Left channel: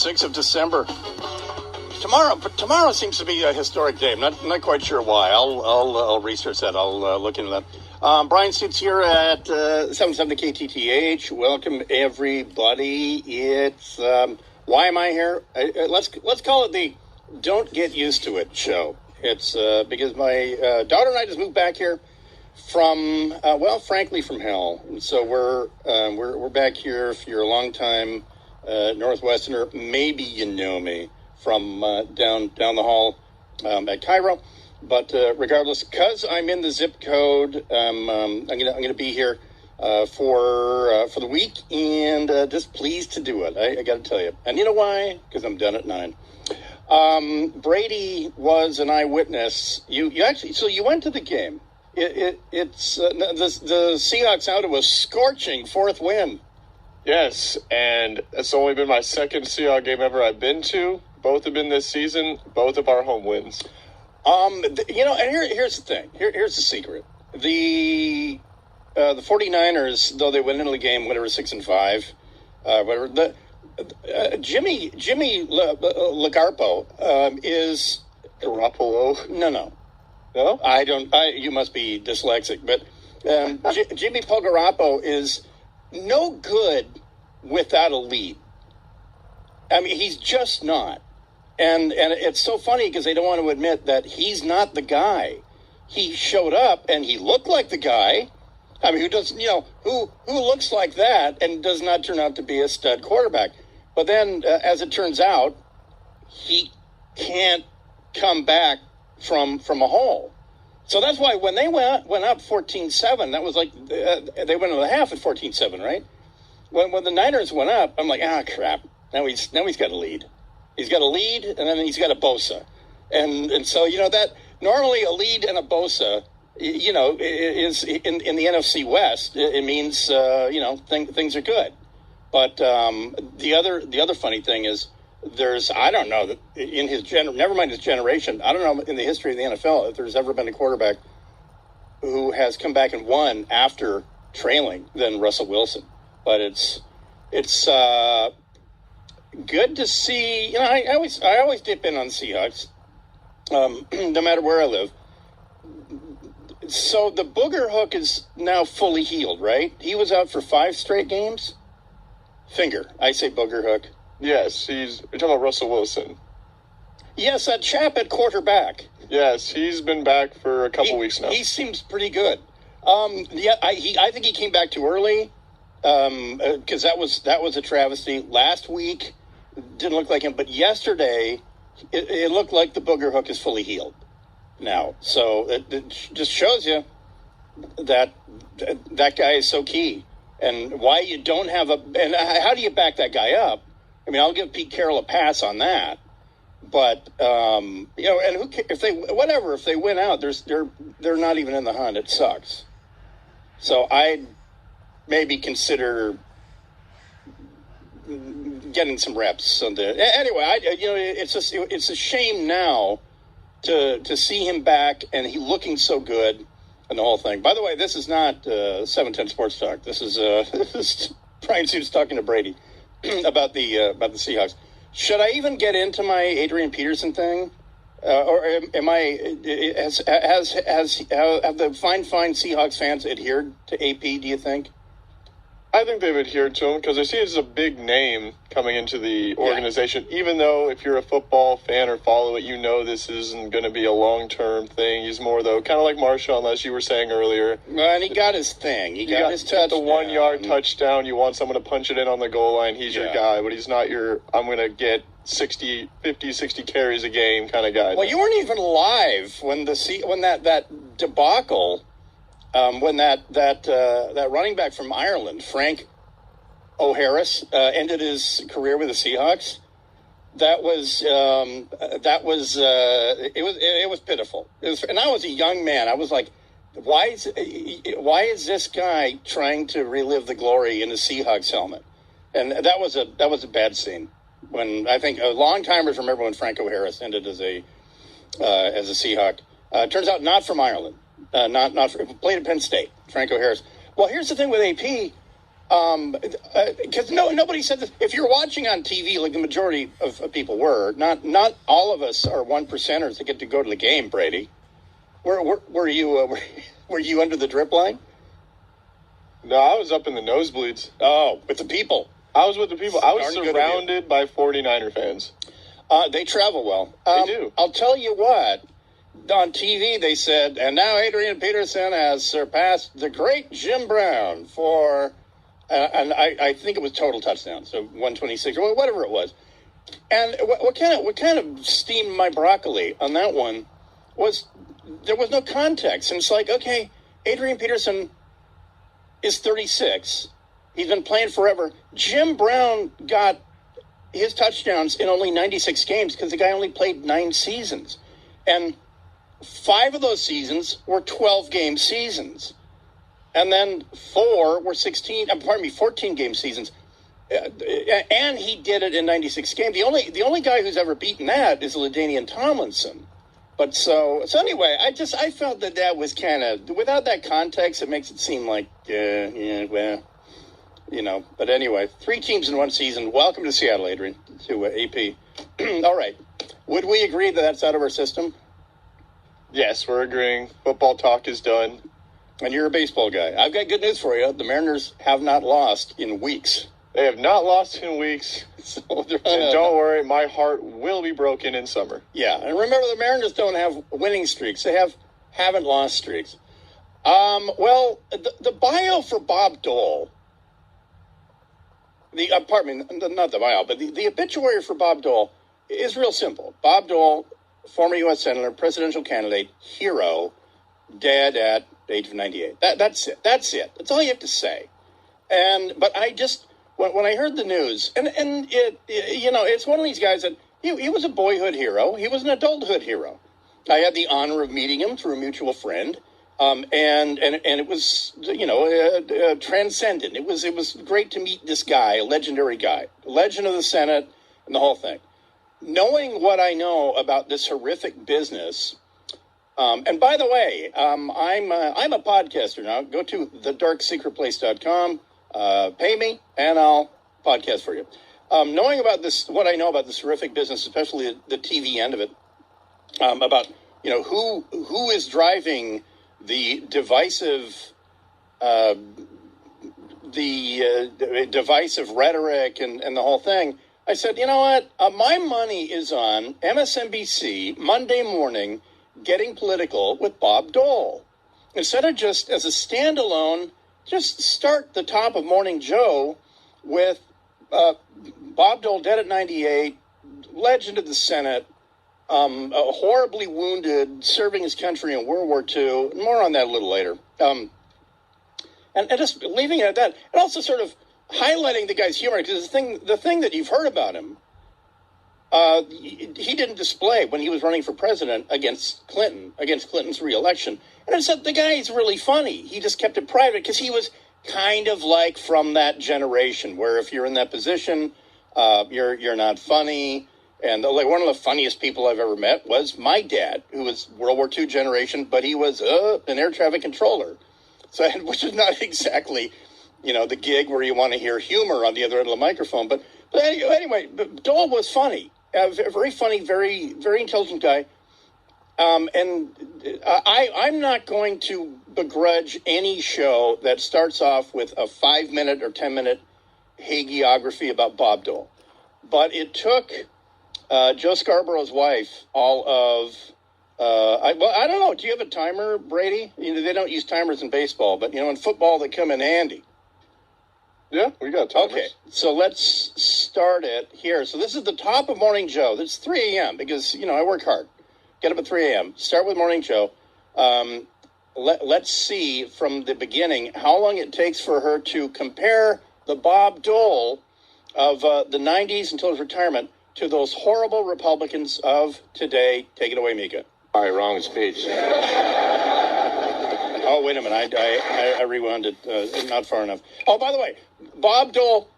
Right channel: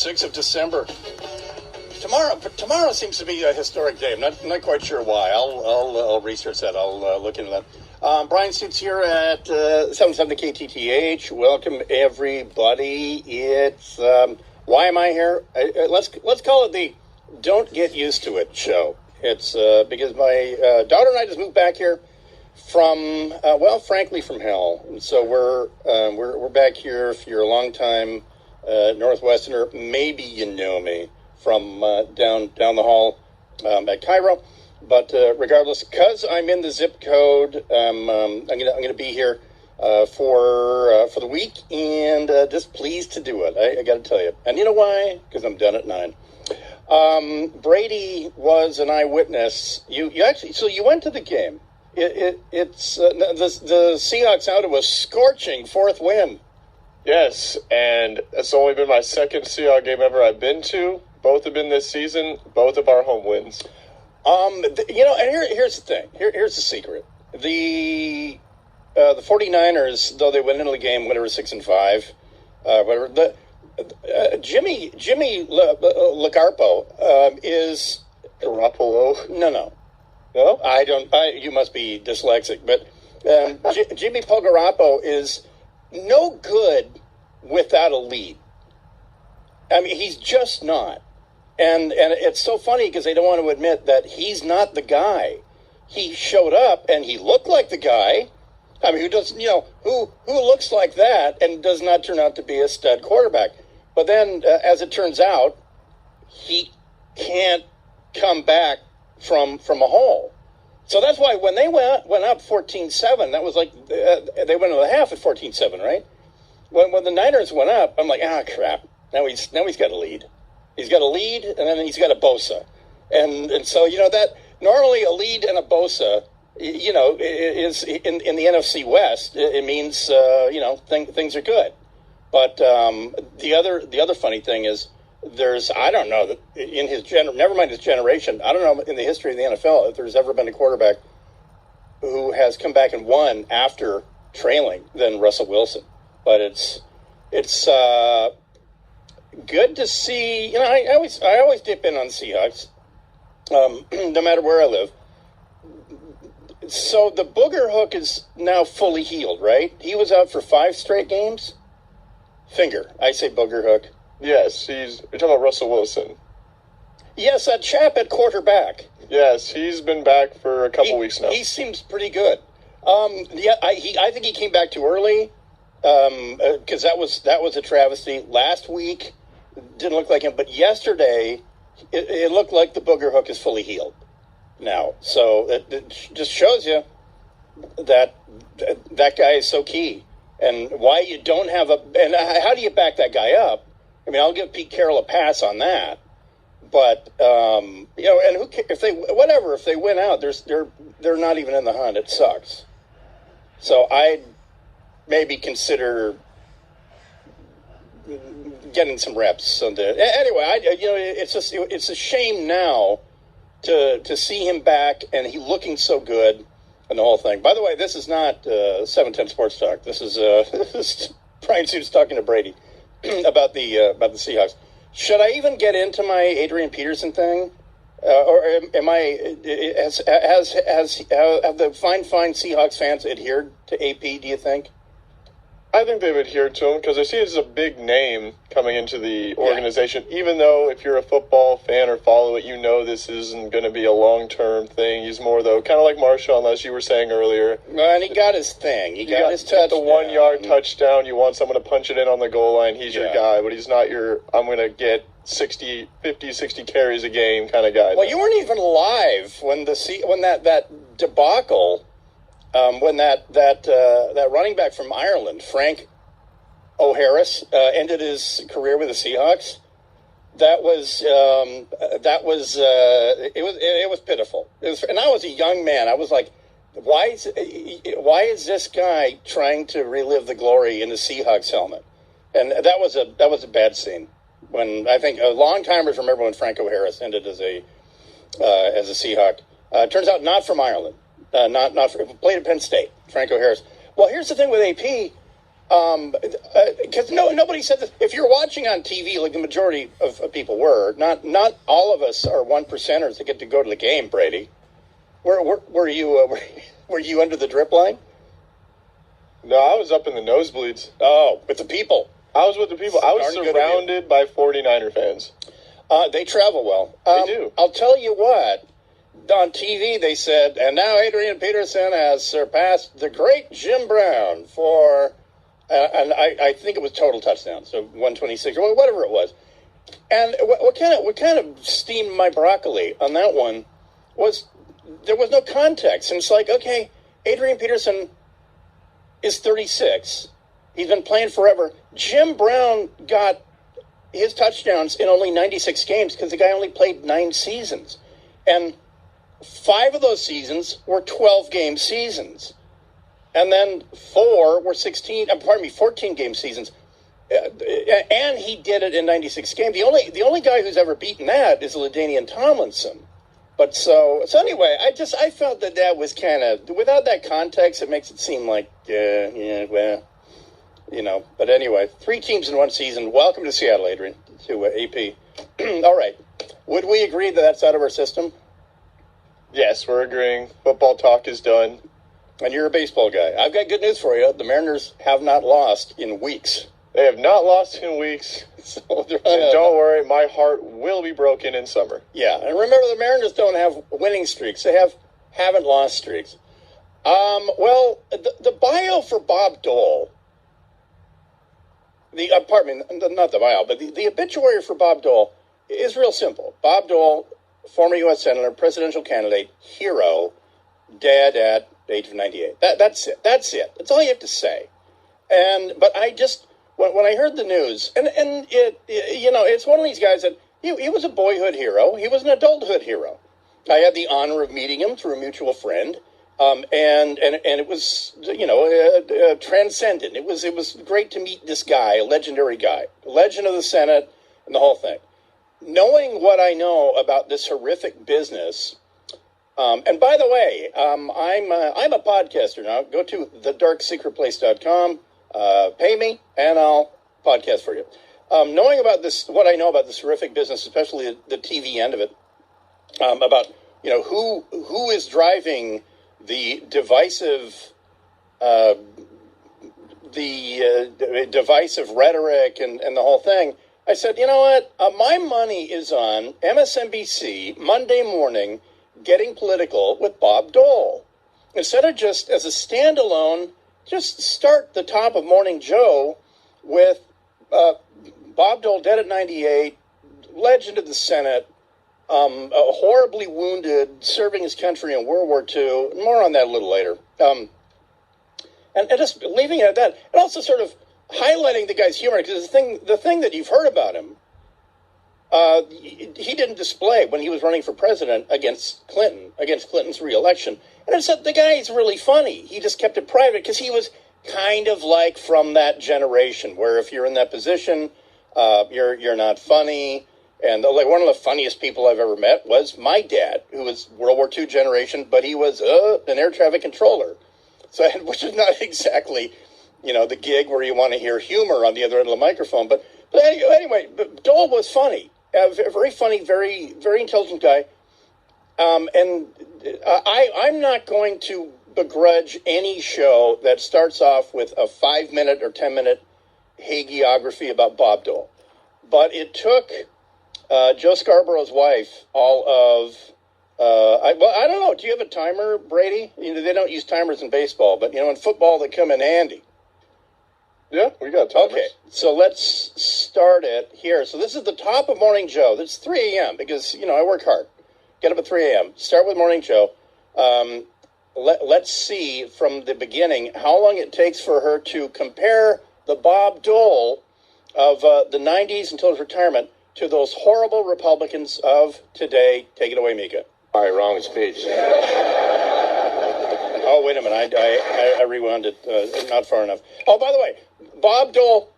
6th of December. Tomorrow seems to be a historic day. I'm not quite sure why. I'll research that. I'll look into that. Bryan sits here at 770 KTTH. Welcome everybody. It's why am I here? Let's call it the "Don't Get Used to It" show. It's because my daughter and I just moved back here from frankly from hell. And so we're back here. If you're a long time Northwesterner, maybe you know me from down the hall at Cairo. But regardless, because I'm in the zip code, I'm gonna be here for the week, and just pleased to do it. I got to tell you, and you know why? Because I'm done at 9. Brady was an eyewitness. You actually, so you went to the game. It's the Seahawks out of a scorching 4th win. Yes, and it's only been my second Seahawks game ever I've been to. Both have been this season. Both of our home wins. And here's the thing. Here's the secret. The 49ers, though they went into the game, whatever, 6-5, whatever. Jimmy Garoppolo is Garoppolo. No. No, I don't. You must be dyslexic, but Jimmy Garoppolo is no good without a lead. I mean, he's just not. And it's so funny because they don't want to admit that he's not the guy. He showed up and he looked like the guy. I mean, who looks like that and does not turn out to be a stud quarterback. But then, as it turns out, he can't come back from a hole. So that's why when they went up 14-7, that was like they went into the half at 14-7, right? When the Niners went up, I'm like, crap. Now he's got a lead. He's got a lead, and then he's got a Bosa, and so that normally a lead and a Bosa, is in the NFC West. It means things are good. But the other funny thing is I don't know that in never mind his generation. I don't know in the history of the NFL if there's ever been a quarterback who has come back and won after trailing than Russell Wilson. But it's good to see. I always dip in on Seahawks, no matter where I live. So the booger hook is now fully healed, right? He was out for 5 straight games. Finger. I say booger hook. Yes, you're talking about Russell Wilson. Yes, that chap at quarterback. Yes, he's been back for a couple weeks now. He seems pretty good. I think he came back too early because that was a travesty. Last week didn't look like him, but yesterday it looked like the booger hook is fully healed now. So it just shows you that guy is so key, and why you don't have and how do you back that guy up? I mean, I'll give Pete Carroll a pass on that, but and if they win out, they're not even in the hunt. It sucks. So I'd maybe consider getting some reps on the. Anyway, it's a shame now to see him back and he looking so good and the whole thing. By the way, this is not 710 Sports Talk. This is Bryan Suits talking to Brady about the Seahawks. Should I even get into my Adrian Peterson thing, or am I? Have the fine Seahawks fans adhered to AP? Do you think? I think they've adhered to him because I see it as a big name coming into the organization. Yeah. Even though if you're a football fan or follow it, this isn't going to be a long-term thing. He's more, though, kind of like Marshawn, as you were saying earlier. And he got his thing. He got his touchdown. The 1-yard touchdown. You want someone to punch it in on the goal line. He's your guy, but he's not your, I'm going to get 50, 60 carries a game kind of guy. Well, you weren't even alive when that debacle. When that running back from Ireland, Frank O'Harris, ended his career with the Seahawks, it was pitiful. And I was a young man. I was like, why is this guy trying to relive the glory in the Seahawks helmet? And that was a bad scene. When I think long-timers remember when Frank O'Harris ended as a Seahawk. Turns out not from Ireland. Played at Penn State, Franco Harris. Well, here's the thing with AP. Because nobody said that. If you're watching on TV, like the majority of people were, not all of us are one percenters that get to go to the game. Brady, were you were you under the drip line? No, I was up in the nosebleeds. Oh, with the people. I was with the people. I was surrounded by 49er fans. They travel well. They do. I'll tell you what. On TV, they said, and now Adrian Peterson has surpassed the great Jim Brown for, and I think it was total touchdowns, so 126 or whatever it was. And what kind of steamed my broccoli on that one was there was no context. And it's like, okay, Adrian Peterson is 36. He's been playing forever. Jim Brown got his touchdowns in only 96 games because the guy only played 9 seasons. And 5 of those seasons were 12-game seasons. And then 4 were 14-game seasons. And he did it in 96 games. The only guy who's ever beaten that is LaDainian Tomlinson. But so anyway, I felt that was kind of, without that context, it makes it seem like, well, you know. But anyway, 3 teams in one season. Welcome to Seattle, Adrian, to AP. All right. Would we agree that that's out of our system? Yes, we're agreeing. Football talk is done. And you're a baseball guy. I've got good news for you. The Mariners have not lost in weeks. They have not lost in weeks. So and don't worry, my heart will be broken in summer. Yeah, and remember, the Mariners don't have winning streaks. They haven't lost streaks. Well, the bio for Bob Dole, pardon me, not the bio, but the obituary for Bob Dole is real simple. Bob Dole, former U.S. Senator, presidential candidate, hero, dead at age of 98. That's it. That's all you have to say. But I just, when I heard the news, and it it's one of these guys that, he was a boyhood hero. He was an adulthood hero. I had the honor of meeting him through a mutual friend. And it was, transcendent. It was great to meet this guy, a legendary guy, legend of the Senate, and the whole thing. Knowing what I know about this horrific business, and by the way, I'm a podcaster now. Go to thedarksecretplace.com, pay me, and I'll podcast for you. Knowing about this, what I know about this horrific business, especially the TV end of it, about who is driving the divisive divisive rhetoric and the whole thing. I said, you know what? My money is on MSNBC Monday morning getting political with Bob Dole. Instead of just as a standalone, just start the top of Morning Joe with Bob Dole dead at 98, legend of the Senate, horribly wounded, serving his country in World War II. More on that a little later. And just leaving it at that. And also sort of highlighting the guy's humor, because the thing that you've heard about him, he didn't display when he was running for president against Clinton's re-election. And I said, the guy's really funny. He just kept it private because he was kind of like from that generation where if you're in that position, you're not funny. And like one of the funniest people I've ever met was my dad, who was World War II generation, but he was an air traffic controller. So, which is not exactly, the gig where you want to hear humor on the other end of the microphone. But anyway, Dole was funny, very funny, very, very intelligent guy. And I'm not going to begrudge any show that starts off with a 5-minute or 10-minute hagiography about Bob Dole. But it took Joe Scarborough's wife all of, I don't know, do you have a timer, Brady? They don't use timers in baseball, but, in football they come in handy. Yeah, we got timers. Okay, so let's start it here. So this is the top of Morning Joe. It's 3 a.m. because, I work hard. Get up at 3 a.m. Start with Morning Joe. Let's see from the beginning how long it takes for her to compare the Bob Dole of the 90s until his retirement to those horrible Republicans of today. Take it away, Mika. All right, wrong speech. Oh, wait a minute. I rewound it not far enough. Oh, by the way, Bob Dole,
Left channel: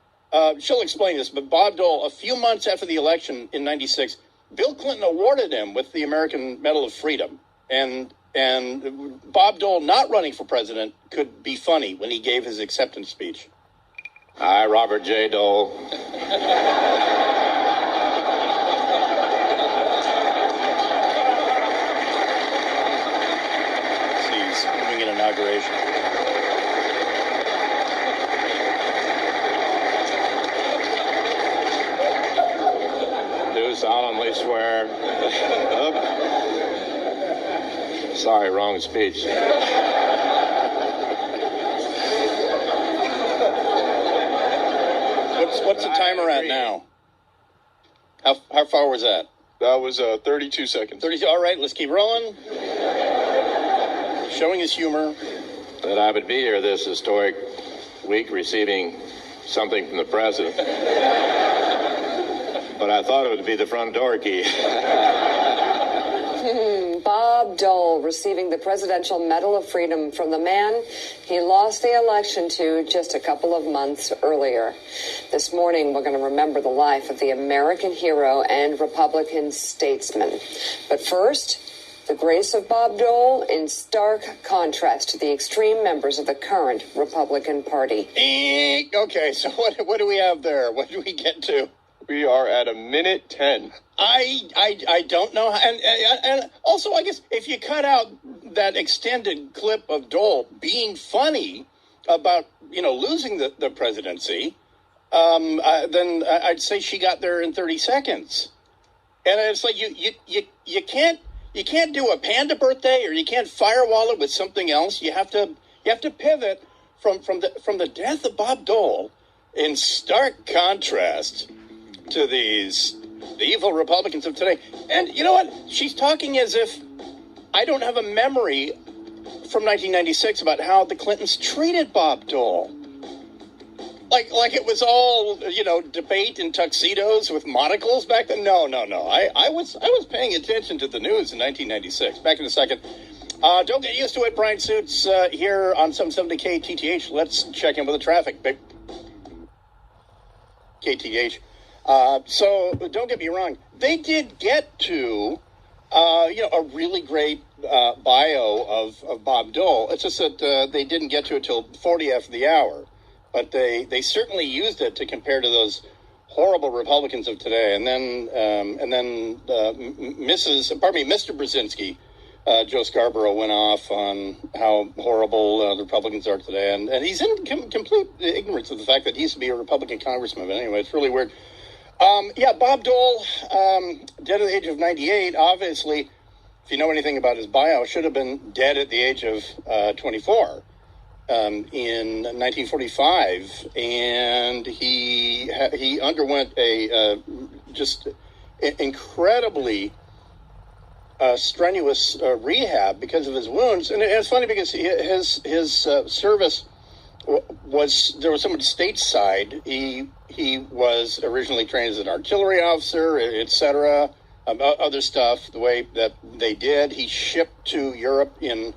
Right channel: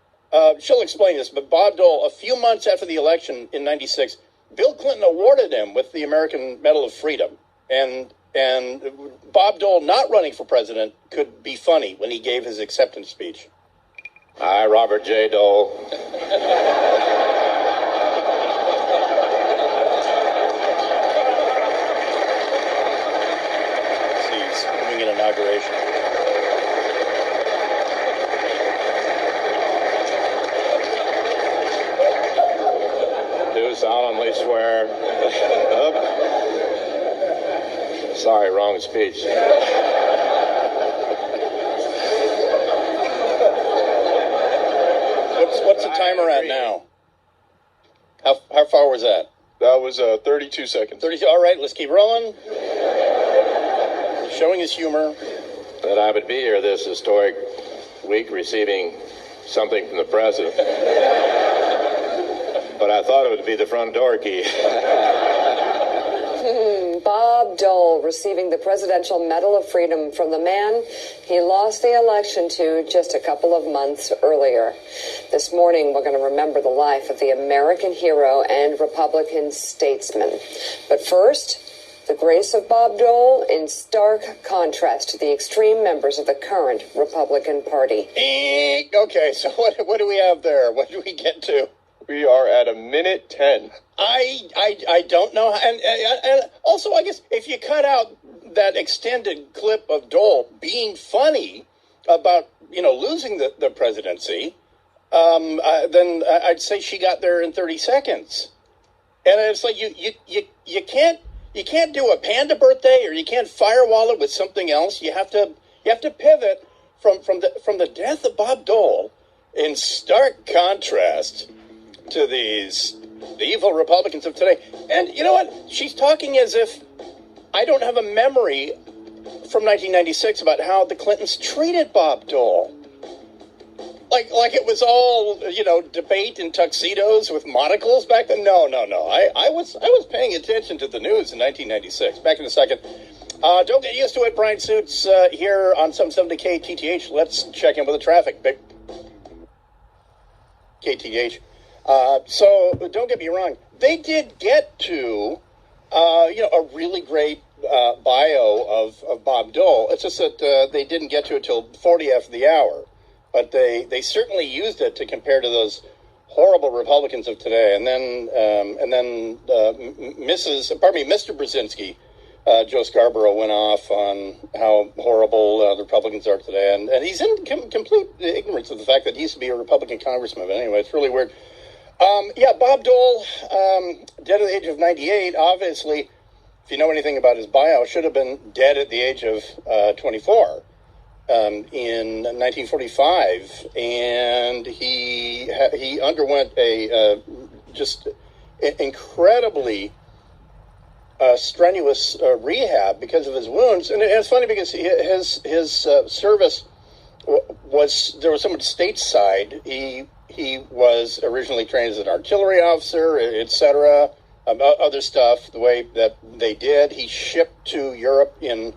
she'll explain this, but Bob Dole, a few months after the election in 96, Bill Clinton awarded him with the American Medal of Freedom. And Bob Dole not running for president could be funny when he gave his acceptance speech. I, Robert J. Dole. He's moving an inauguration. Do solemnly swear. Sorry, wrong speech. What's the timer at now? How far was that? That was 32 seconds. 32. All right, let's keep rolling. Showing his humor. That I would be here this historic week receiving something from the president. But I thought it would be the front door key. Bob Dole receiving the Presidential Medal of Freedom from the man he lost the election to just a couple of months earlier. This morning, we're going to remember the life of the American hero and Republican statesman. But first, the grace of Bob Dole in stark contrast to the extreme members of the current Republican Party. Okay, so what do we have there? What do we get to? We are at 1:10. I don't know, and also I guess if you cut out that extended clip of Dole being funny about losing the presidency, then I'd say she got there in 30 seconds, and it's like you can't do a panda birthday or you can't firewall it with something else. You have to pivot from the death of Bob Dole in stark contrast to the evil Republicans of today. And you know what? She's talking as if I don't have a memory from 1996 about how the Clintons treated Bob Dole. Like it was all, debate in tuxedos with monocles back then. No. I was paying attention to the news in 1996. Back in a second. Don't get used to it, Bryan Suits, here on 770 KTTH. Let's check in with the traffic. KTH. So don't get me wrong. They did get to, a really great bio of Bob Dole. It's just that they didn't get to it till 40 after the hour. But they certainly used it to compare to those horrible Republicans of today. And then Mr. Brzezinski, Joe Scarborough, went off on how horrible the Republicans are today. And he's in complete ignorance of the fact that he used to be a Republican congressman. But anyway, it's really weird. Bob Dole, dead at the age of 98, obviously, if you know anything about his bio, should have been dead at the age of 24 in 1945. And he underwent a just incredibly strenuous rehab because of his wounds. And it's funny because his service there was so much stateside. He was originally trained as an artillery officer, etc., other stuff, the way that they did. He shipped to Europe in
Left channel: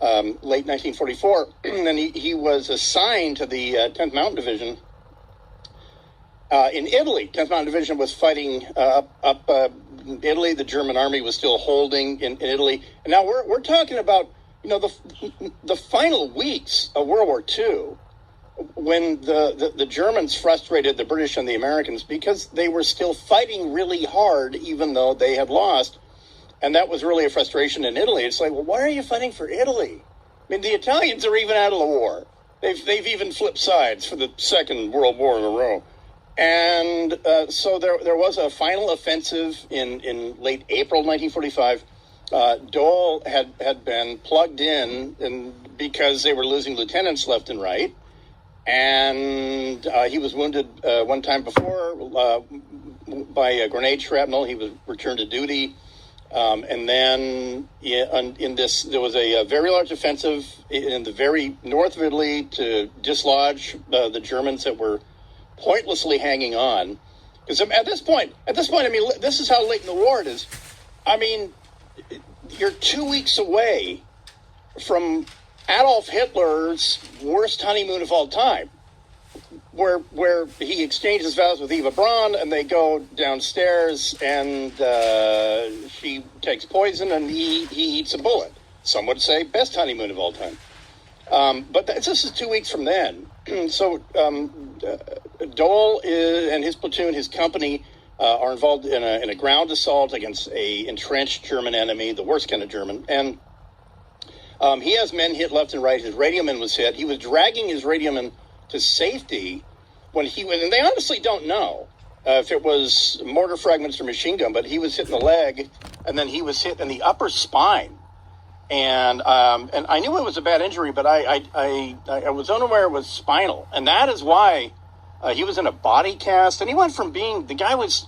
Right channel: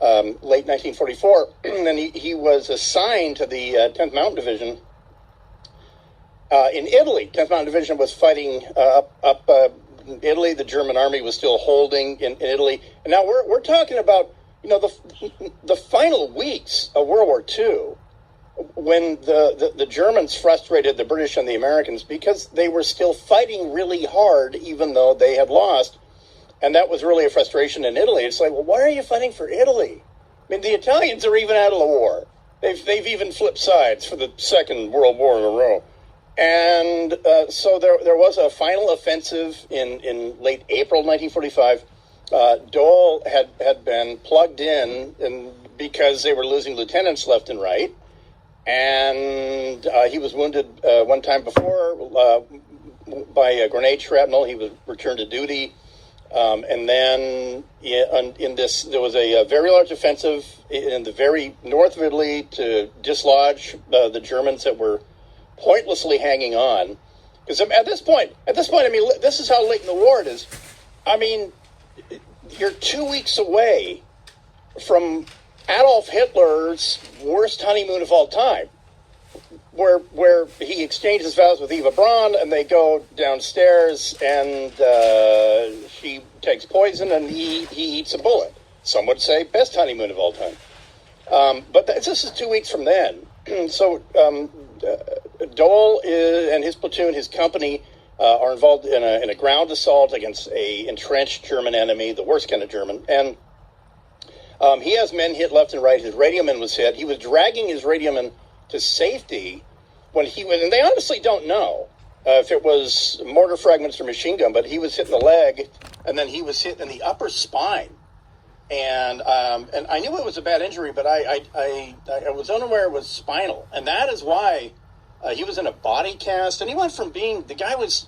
late 1944, and then he was assigned to the 10th Mountain Division in Italy. 10th Mountain Division was fighting up Italy. The German army was still holding in Italy. And now we're talking about the final weeks of World War II, when the Germans frustrated the British and the Americans because they were still fighting really hard, even though they had lost. And that was really a frustration in Italy. It's like, well, why are you fighting for Italy? I mean, the Italians are even out of the war. They've even flipped sides for the Second World War in a row. And so there was a final offensive in late April 1945. Dole had been plugged in because they were losing lieutenants left and right. And he was wounded one time before by a grenade shrapnel. He was returned to duty. And then there was a very large offensive in the very north of Italy to dislodge the Germans that were pointlessly hanging on. Because at this point, I mean, this is how late in the war it is. I mean, you're 2 weeks away from Adolf Hitler's worst honeymoon of all time, where he exchanges vows with Eva Braun, and they go downstairs, and she takes poison, and he eats a bullet. Some would say best honeymoon of all time. But this is 2 weeks from then, Dole and his platoon, his company, are involved in a ground assault against a entrenched German enemy, the worst kind of German. And he has men hit left and right. His radioman was hit. He was dragging his radioman to safety when he was, and they honestly don't know if it was mortar fragments or machine gun, but he was hit in the leg, and then he was hit in the upper spine. And I knew it was a bad injury, but I was unaware it was spinal. And that is why he was in a body cast. And he went from being, the guy was,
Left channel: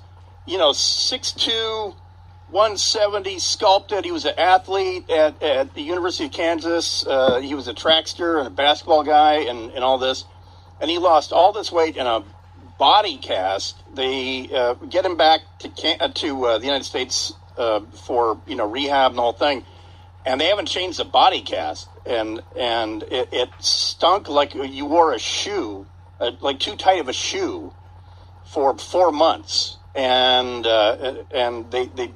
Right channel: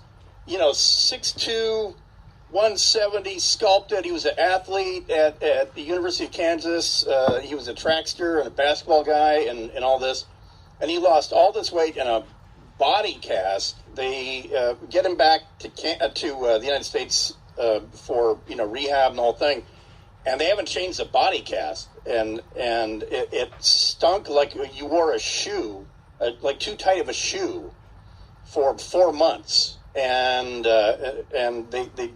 6'2", 170, sculpted. He was an athlete at the University of Kansas. He was a trackster and a basketball guy and all this. And he lost all this weight in a body cast. They get him back to the United States for, rehab and the whole thing. And they haven't changed the body cast, and it stunk like you wore a shoe, like too tight of a shoe, for 4 months, and they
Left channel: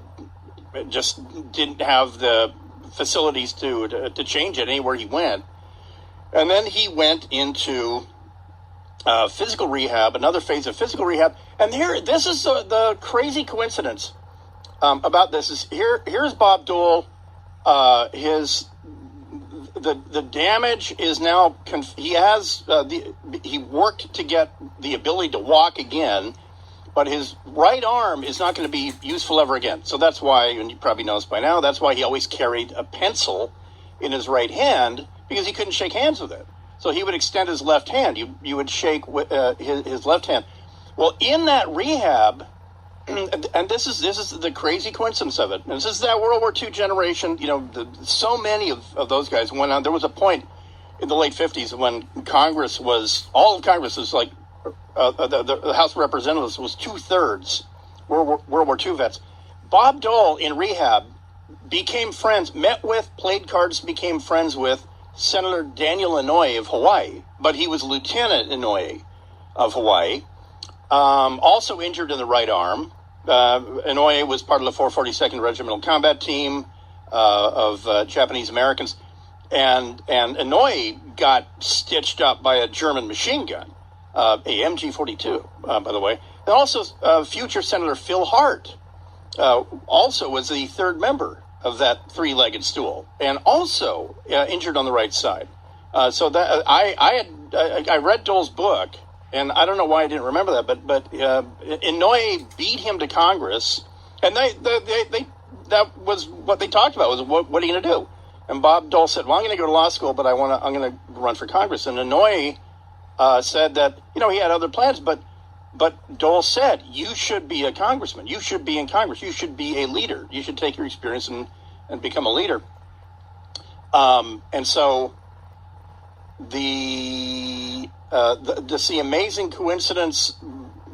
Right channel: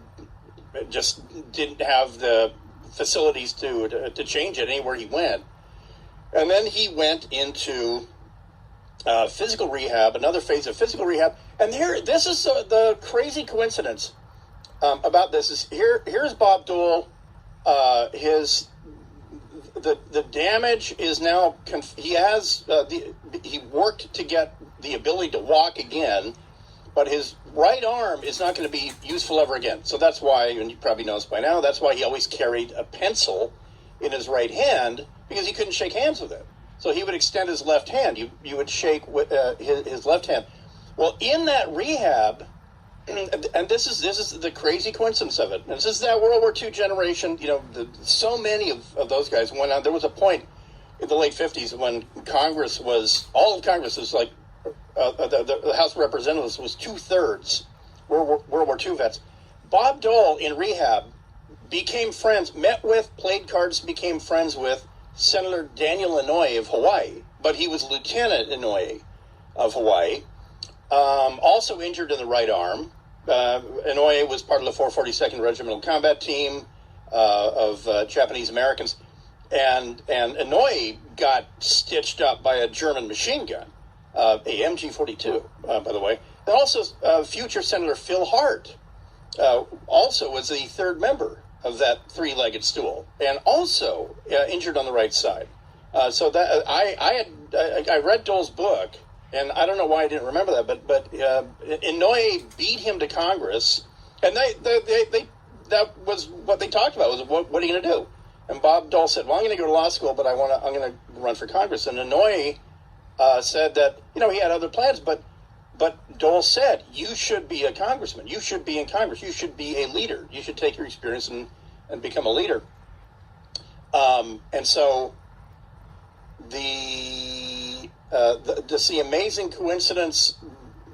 just didn't have the facilities to change it anywhere he went, and then he went into physical rehab, another phase of physical rehab, and this is the crazy coincidence about this is here's Bob Dole. The damage is now he has he worked to get the ability to walk again, but his right arm is not going to be useful ever again. So that's why, and you probably know this by now, that's why he always carried a pencil in his right hand, because he couldn't shake hands with it. So he would extend his left hand. You would shake with his left hand. Well, in that rehab. And this is the crazy coincidence of it. And this is that World War II generation. So many of those guys went on. There was a point in the late 50s when all of Congress was like, the House of Representatives was 2/3 World War II vets. Bob Dole in rehab became friends, played cards, became friends with Senator Daniel Inouye of Hawaii. But he was Lieutenant Inouye of Hawaii. Also injured in the right arm. Inouye was part of the 442nd Regimental Combat Team of Japanese Americans, and Inouye got stitched up by a German machine gun, a MG-42, by the way. And also, future Senator Phil Hart also was the third member of that three-legged stool, and also injured on the right side. So that I read Dole's book. And I don't know why I didn't remember that, but Inouye beat him to Congress, and that was what they talked about, was what are you going to do? And Bob Dole said, well, I'm going to go to law school, but I'm going to run for Congress. And Inouye said that, he had other plans, but Dole said, you should be a congressman. You should be in Congress. You should be a leader. You should take your experience and become a leader. And so the amazing coincidence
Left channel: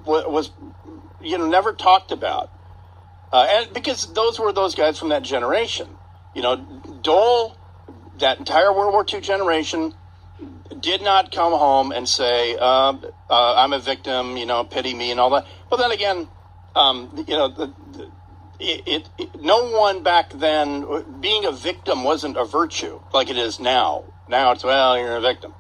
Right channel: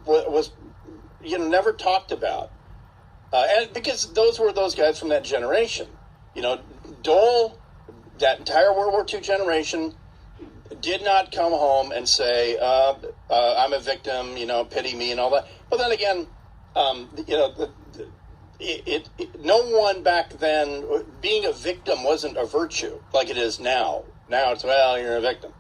was never talked about, and because those were those guys from that generation. Dole, that entire World War II generation, did not come home and say, I'm a victim, pity me and all that. But then again, no one back then, being a victim wasn't a virtue like it is now. Now it's, well, you're a victim.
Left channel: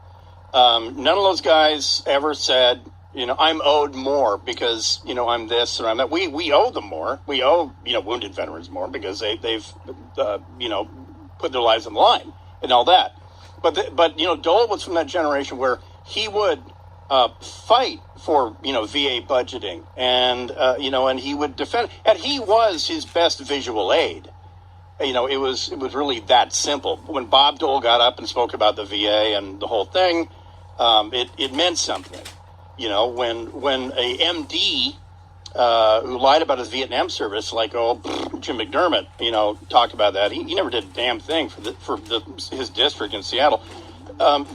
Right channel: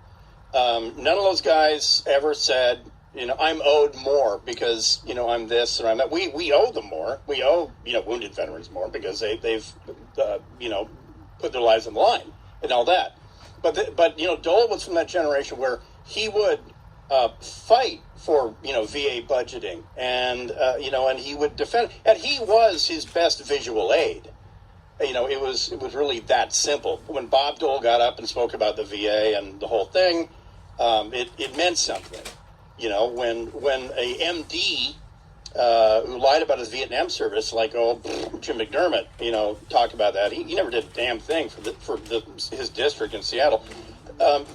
None of those guys ever said, I'm owed more because, I'm this or I'm that. We owe them more. We owe, wounded veterans more because they've put their lives on the line and all that. But Dole was from that generation where he would fight for, VA budgeting and, and he would defend, and he was his best visual aid. It was really that simple. When Bob Dole got up and spoke about the VA and the whole thing, it meant something. When a MD who lied about his Vietnam service, like Jim McDermott, talked about that. He never did a damn thing for his district in Seattle.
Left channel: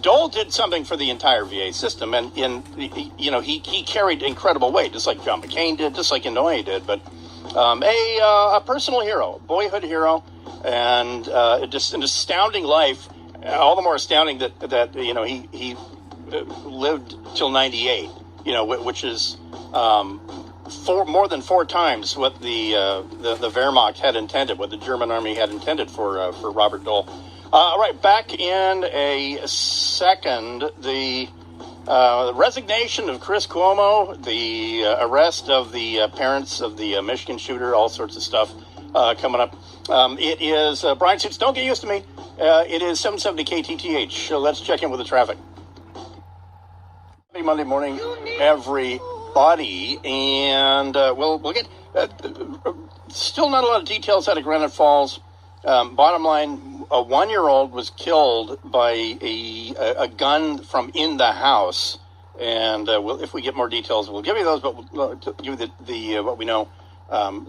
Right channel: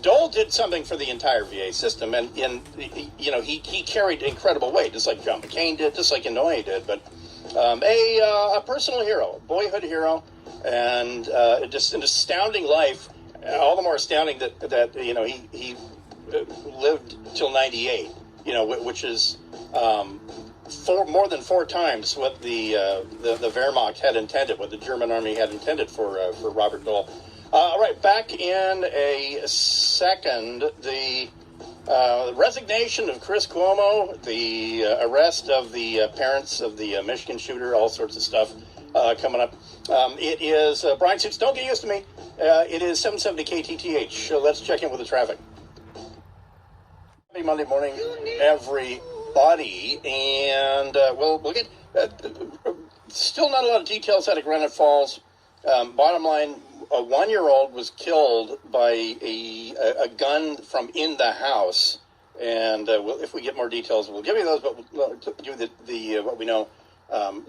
Dole did something for the entire VA system, and he carried incredible weight, just like John McCain did, just like Inouye did. But a personal hero, boyhood hero, and just an astounding life. All the more astounding that he lived till 98. Which is more than 4 times what the Wehrmacht had intended, what the German army had intended for Robert Dole. All right, back in a second. The resignation of Chris Cuomo, the arrest of the parents of the Michigan shooter, all sorts of stuff coming up. It is, Bryan Suits, don't get used to me. It is 770 KTTH. So let's check in with the traffic. Happy Monday morning, everybody. And we'll get still not a lot of details out of Granite Falls. Bottom line, a 1-year-old was killed by a gun from in the house, and if we get more details, we'll give you those. But we'll give you the what we know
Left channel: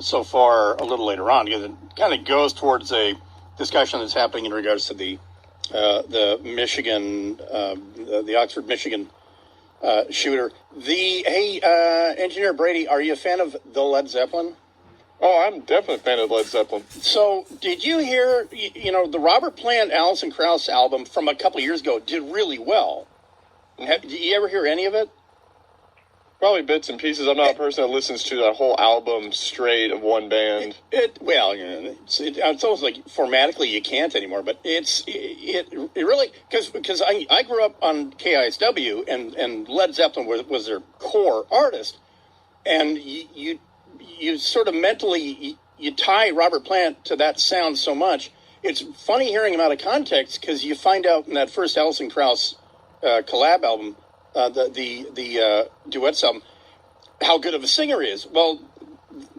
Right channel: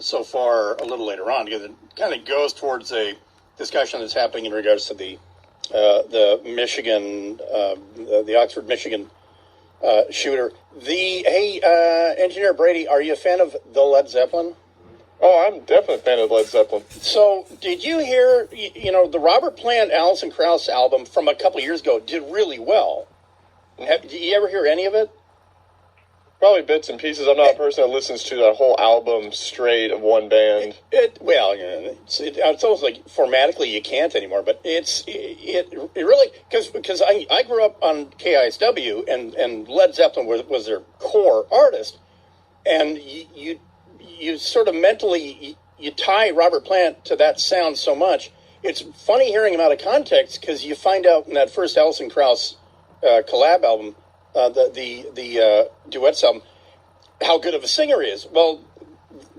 so far a little later on, because it kind of goes towards a discussion that's happening in regards to the Michigan, the Oxford, Michigan shooter. Engineer Brady, are you a fan of the Led Zeppelin? Oh, I'm definitely a fan of Led Zeppelin. So, did you hear, the Robert Plant, Alison Krauss album from a couple of years ago did really well? Did you ever hear any of it? Probably bits and pieces. I'm not a person that listens to that whole album straight of one band. It's almost like formatically you can't anymore, but it really, because I grew up on KISW, and Led Zeppelin was their core artist, and you sort of mentally, you tie Robert Plant to that sound so much. It's funny hearing him out of context, because you find out in that first Alison Krauss collab album, the duets album, how good of a singer he is. Well,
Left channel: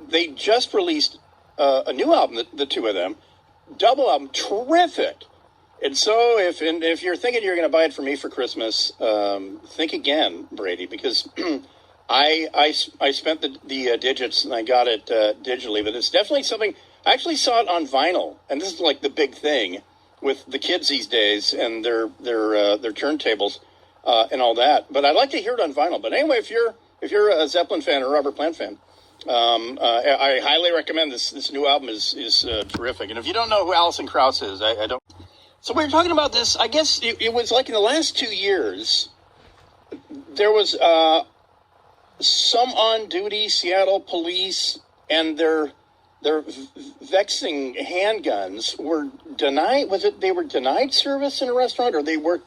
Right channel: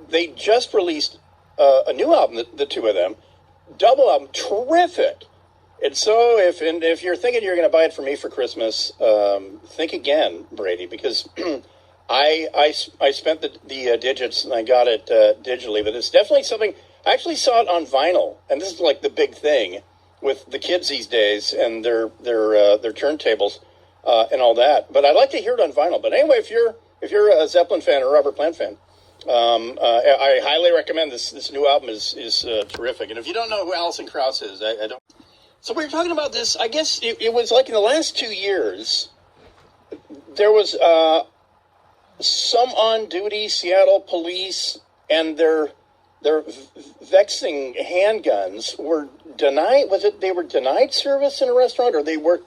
they just released a new album, the two of them, double album, terrific. And so if you're thinking you're going to buy it for me for Christmas, think again, Brady, because I spent the digits and I got it digitally, but it's definitely something. I actually saw it on vinyl, and this is like the big thing with the kids these days and their turntables and all that. But I'd like to hear it on vinyl. But anyway, if you're a Zeppelin fan or a Robert Plant fan, I highly recommend this new album is terrific. And if you don't know who Alison Krauss is, I don't. So we were talking about this. I guess it was like in the last 2 years, there was some on-duty Seattle police and their vexing handguns were denied. Was it they were denied service in a restaurant, or they weren't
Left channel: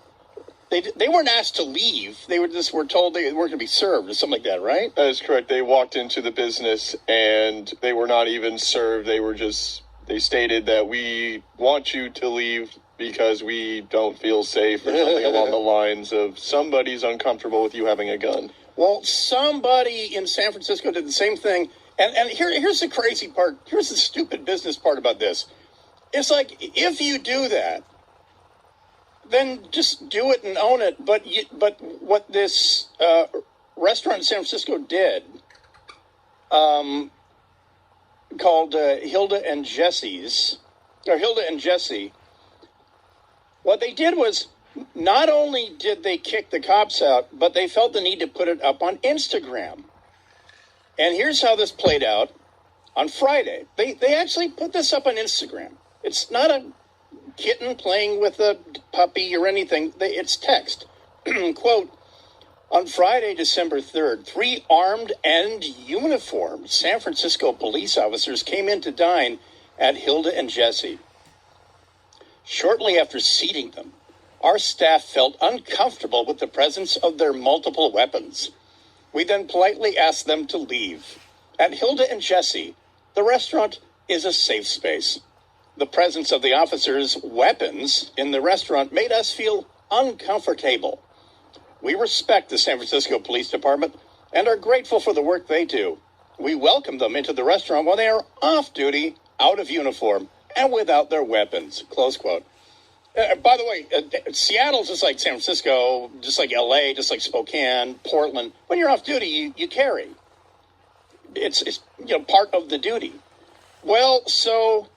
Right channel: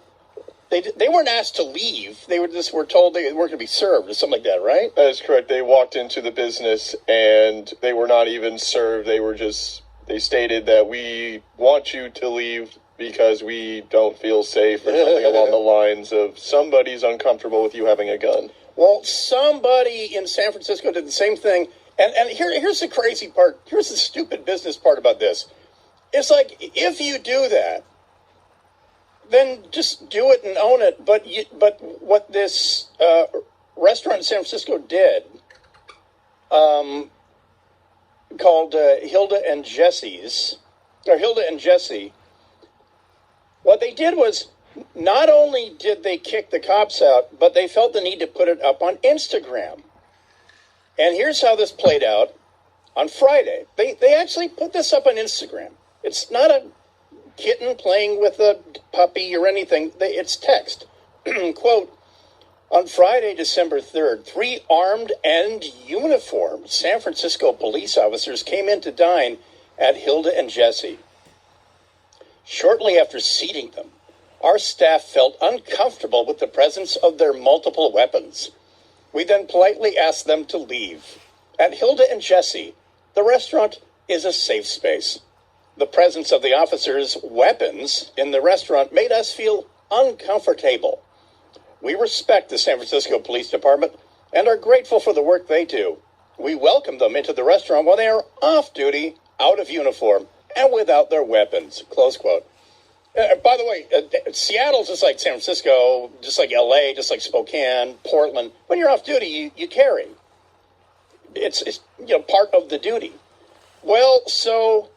asked to leave? They were told they weren't going to be served, or something like that, right? That is correct. They walked into the business and they were not even served. They stated that we want you to leave because we don't feel safe, or something along the lines of somebody's uncomfortable with you having a gun. Well, somebody in San Francisco did the same thing. And here's the crazy part. Here's the stupid business part about this. It's like, if you do that, then just do it and own it. But what this restaurant in San Francisco did, called Hilda and Jesse, what they did was, not only did they kick the cops out, but they felt the need to put it up on Instagram. And here's how this played out on Friday. They actually put this up on Instagram. It's not a kitten playing with a puppy or anything. It's text. Quote, on Friday, December 3rd, 3 armed and uniformed San Francisco police officers came in to dine at Hilda and Jesse. Shortly after seating them, our staff felt uncomfortable with the presence of their multiple weapons. We then politely asked them to leave. At Hilda and Jesse, the restaurant is a safe space. The presence of the officers' weapons in the restaurant made us feel uncomfortable. We respect the San Francisco Police Department and are grateful for the work they do. We welcome them into the restaurant while they are off duty, out of uniform, and without their weapons. Close quote. By the way, Seattle's just like San Francisco, just like LA, just like Spokane, Portland. When you're off duty, you carry. It's part of the duty. Well, so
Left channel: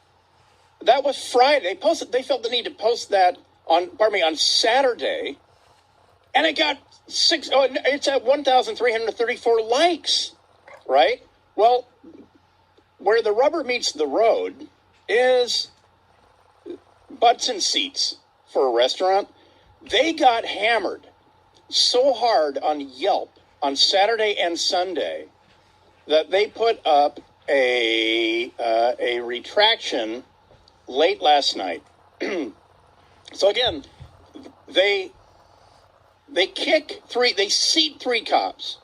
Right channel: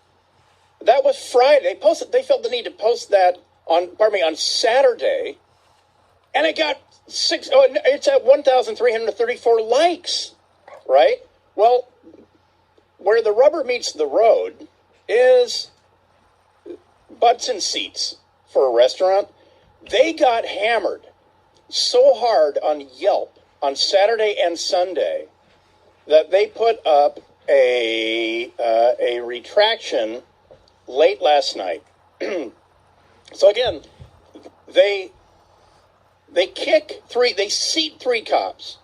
that was Friday. They felt the need to post that on Saturday, and it got it's at 1,334 likes, right? Well, where the rubber meets the road is butts and seats for a restaurant. They got hammered so hard on Yelp on Saturday and Sunday that they put up a retraction late last night. So again, they They seat 3 cops.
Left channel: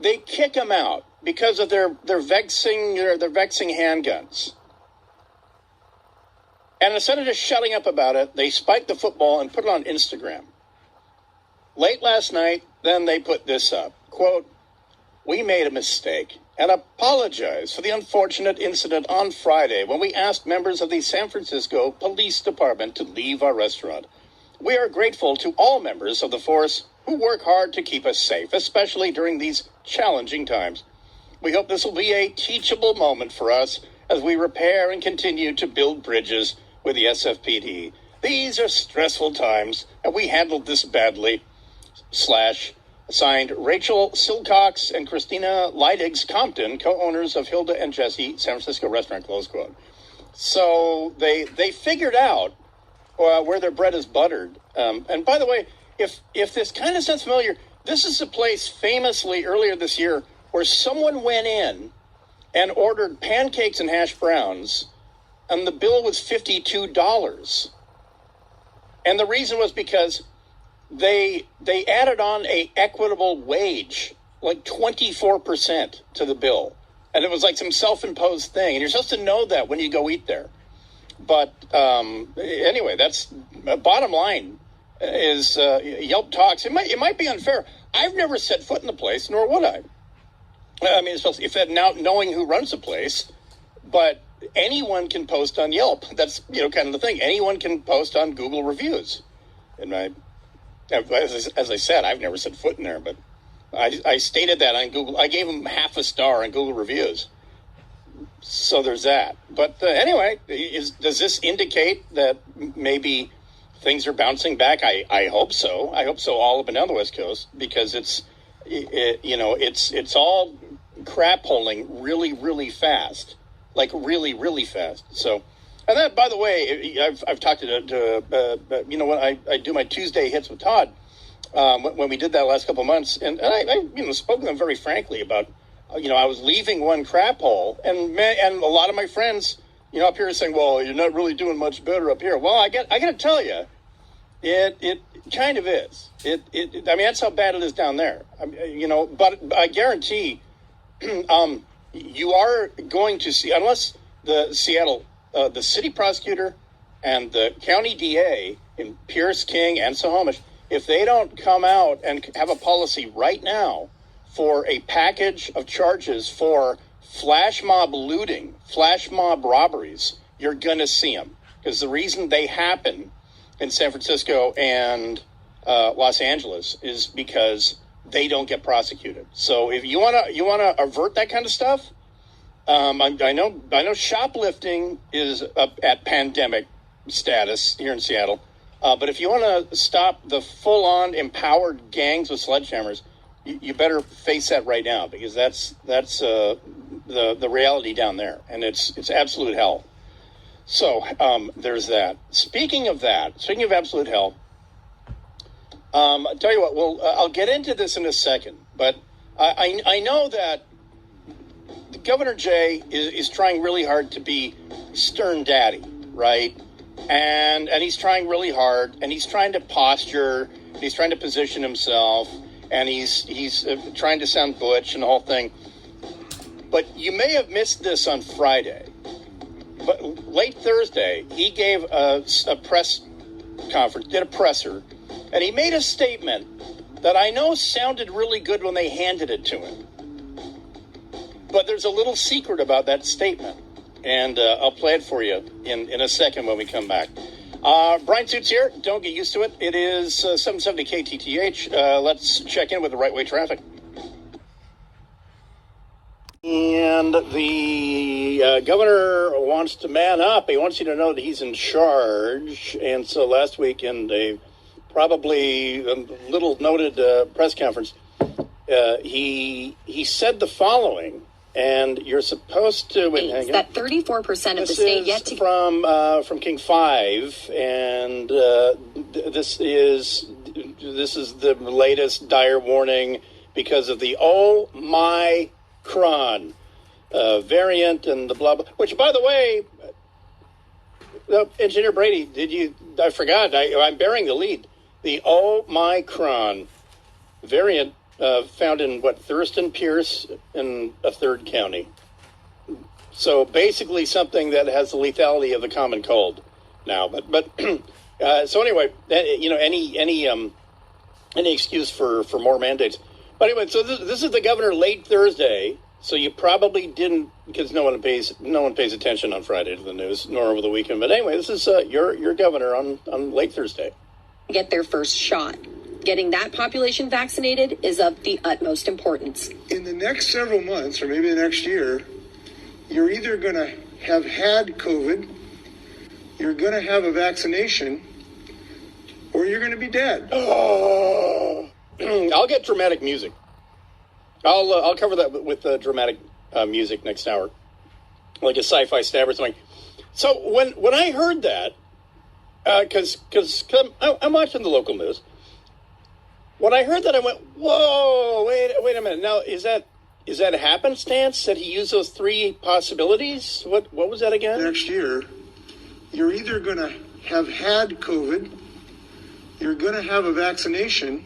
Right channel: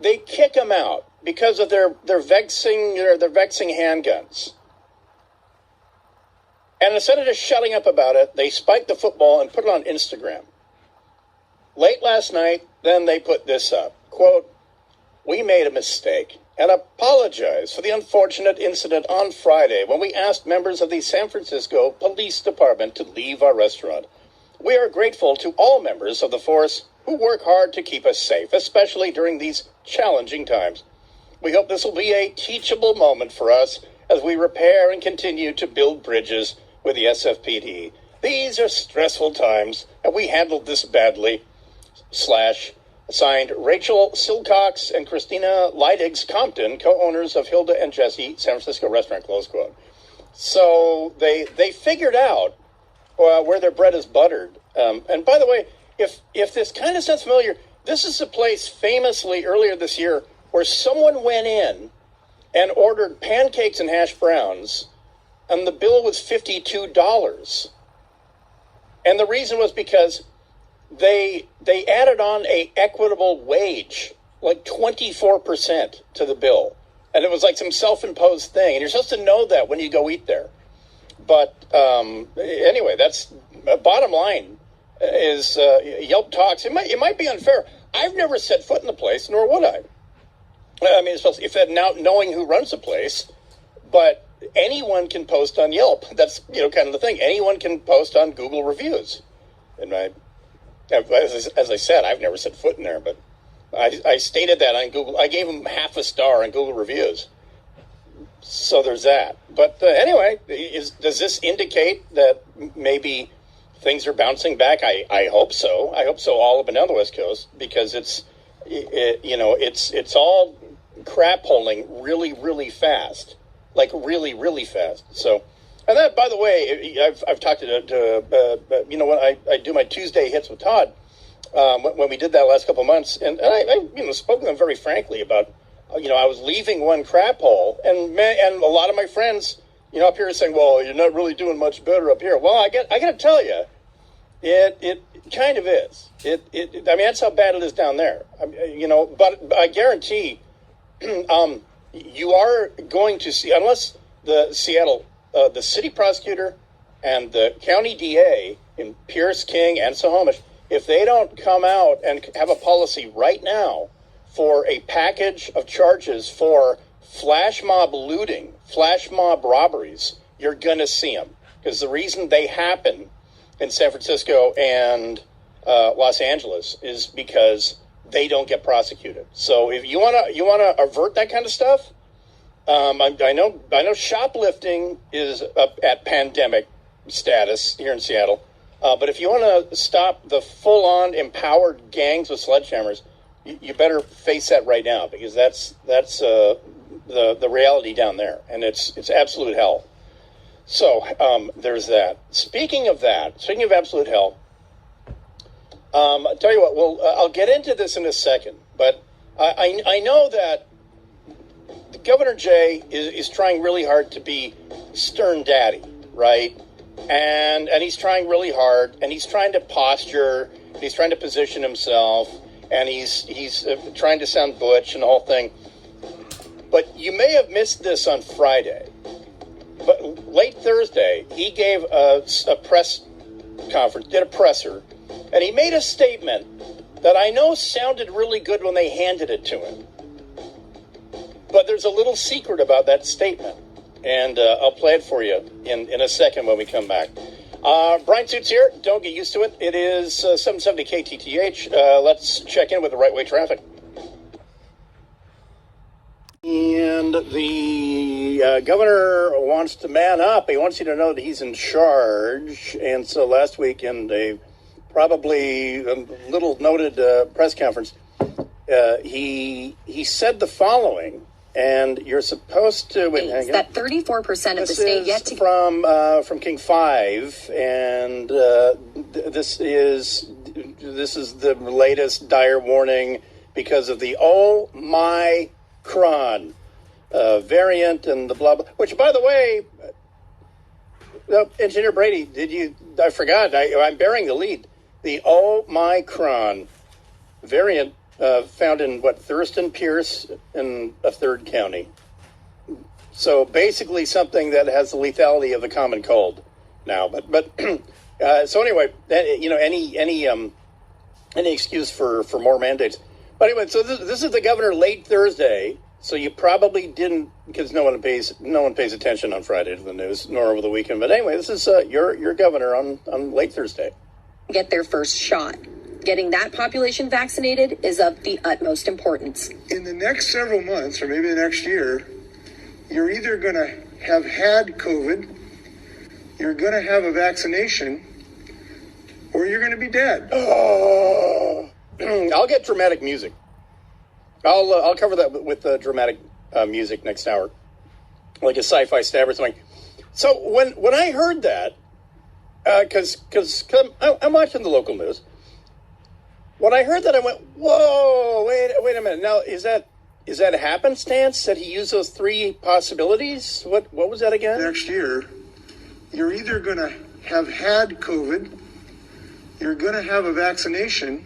They kick them out because of their vexing handguns. And instead of just shutting up about it, they spiked the football and put it on Instagram. Late last night, then they put this up. Quote, "We made a mistake and apologize for the unfortunate incident on Friday when we asked members of the San Francisco Police Department to leave our restaurant. We are grateful to all members of the force who work hard to keep us safe, especially during these challenging times. We hope this will be a teachable moment for us as we repair and continue to build bridges with the SFPD. These are stressful times, and we handled this badly." Signed, Rachel Silcox and Christina Leidig's Compton, co-owners of Hilda and Jesse San Francisco restaurant, close quote. So they figured out where their bread is buttered. And by the way, if this kind of sounds familiar, this is a place famously earlier this year where someone went in and ordered pancakes and hash browns, and the bill was $52. And the reason was because they added on a equitable wage, like 24% to the bill. And it was like some self-imposed thing. And you're supposed to know that when you go eat there. But anyway, that's bottom line is Yelp talks. It might be unfair. I've never set foot in the place, nor would I. I mean, if that now knowing who runs the place, but anyone can post on Yelp. That's kind of the thing. Anyone can post on Google reviews. And as I said, I've never set foot in there, but I stated that on Google. I gave them half a star on Google reviews. So there's that. But anyway, does this indicate that maybe things are bouncing back? I hope so. I hope so all up and down the West Coast, because it's all crap holing really, really fast, like really, really fast. So, and that, by the way, I've talked to when I do my Tuesday hits with Todd, when we did that last couple of months, and I spoke to them very frankly about, I was leaving one crap hole, and a lot of my friends, up here are saying, well, you're not really doing much better up here. Well, I got to tell you, it kind of is. I mean, that's how bad it is down there. But I guarantee, you are going to see, unless the Seattle, the city prosecutor and the county DA in Pierce, King, and Snohomish, if they don't come out and have a policy right now for a package of charges for flash mob looting, flash mob robberies, you're going to see them. Because the reason they happen in San Francisco and Los Angeles is because they don't get prosecuted. So if you want to avert that kind of stuff, I know shoplifting is up at pandemic status here in Seattle. But if you want to stop the full-on empowered gangs with sledgehammers, you better face that right now, because that's the reality down there, and it's absolute hell. So there's that. Speaking of absolute hell, I'll tell you what. I'll get into this in a second, but I know that Governor Jay is trying really hard to be stern daddy, right? And he's trying really hard, and he's trying to posture, he's trying to position himself, and he's trying to sound butch and the whole thing. But you may have missed this on Friday. But late Thursday, he gave a press conference, did a presser, and he made a statement that I know sounded really good when they handed it to him. But there's a little secret about that statement, and I'll play it for you in a second when we come back. Bryan Suits here. Don't get used to it. It is 770 KTTH. Let's check in with the right way traffic. And the governor wants to man up. He wants you to know that he's in charge. And so last week in a probably little noted press conference, he said the following. And you're supposed to... that 34% of the state yet to... from King 5, and this is the latest dire warning because of the Omicron variant and the blah, blah, which, by the way, Engineer Brady, I forgot, I'm bearing the lead. the Omicron variant found in, Thurston Pierce in a third county. So basically something that has the lethality of the common cold now. But so anyway, any excuse for more mandates. But anyway, so this is the governor late Thursday. So you probably didn't, because no one pays attention on Friday to the news, nor over the weekend. But anyway, this is your governor on late Thursday. Get their first shot. Getting that population vaccinated is of the utmost importance. In the next several months, or maybe the next year, you're either going to have had COVID, you're going to have a vaccination, or you're going to be dead. Oh, I'll get dramatic music. I'll cover that with dramatic music next hour, like a sci-fi stab or something. So when I heard that, because I'm watching the local news, when I heard that, I went, "Whoa, wait a minute! Now is that a happenstance that he used those three possibilities? What was that again?" Next year, you're either going to have had COVID, you're going to have a vaccination,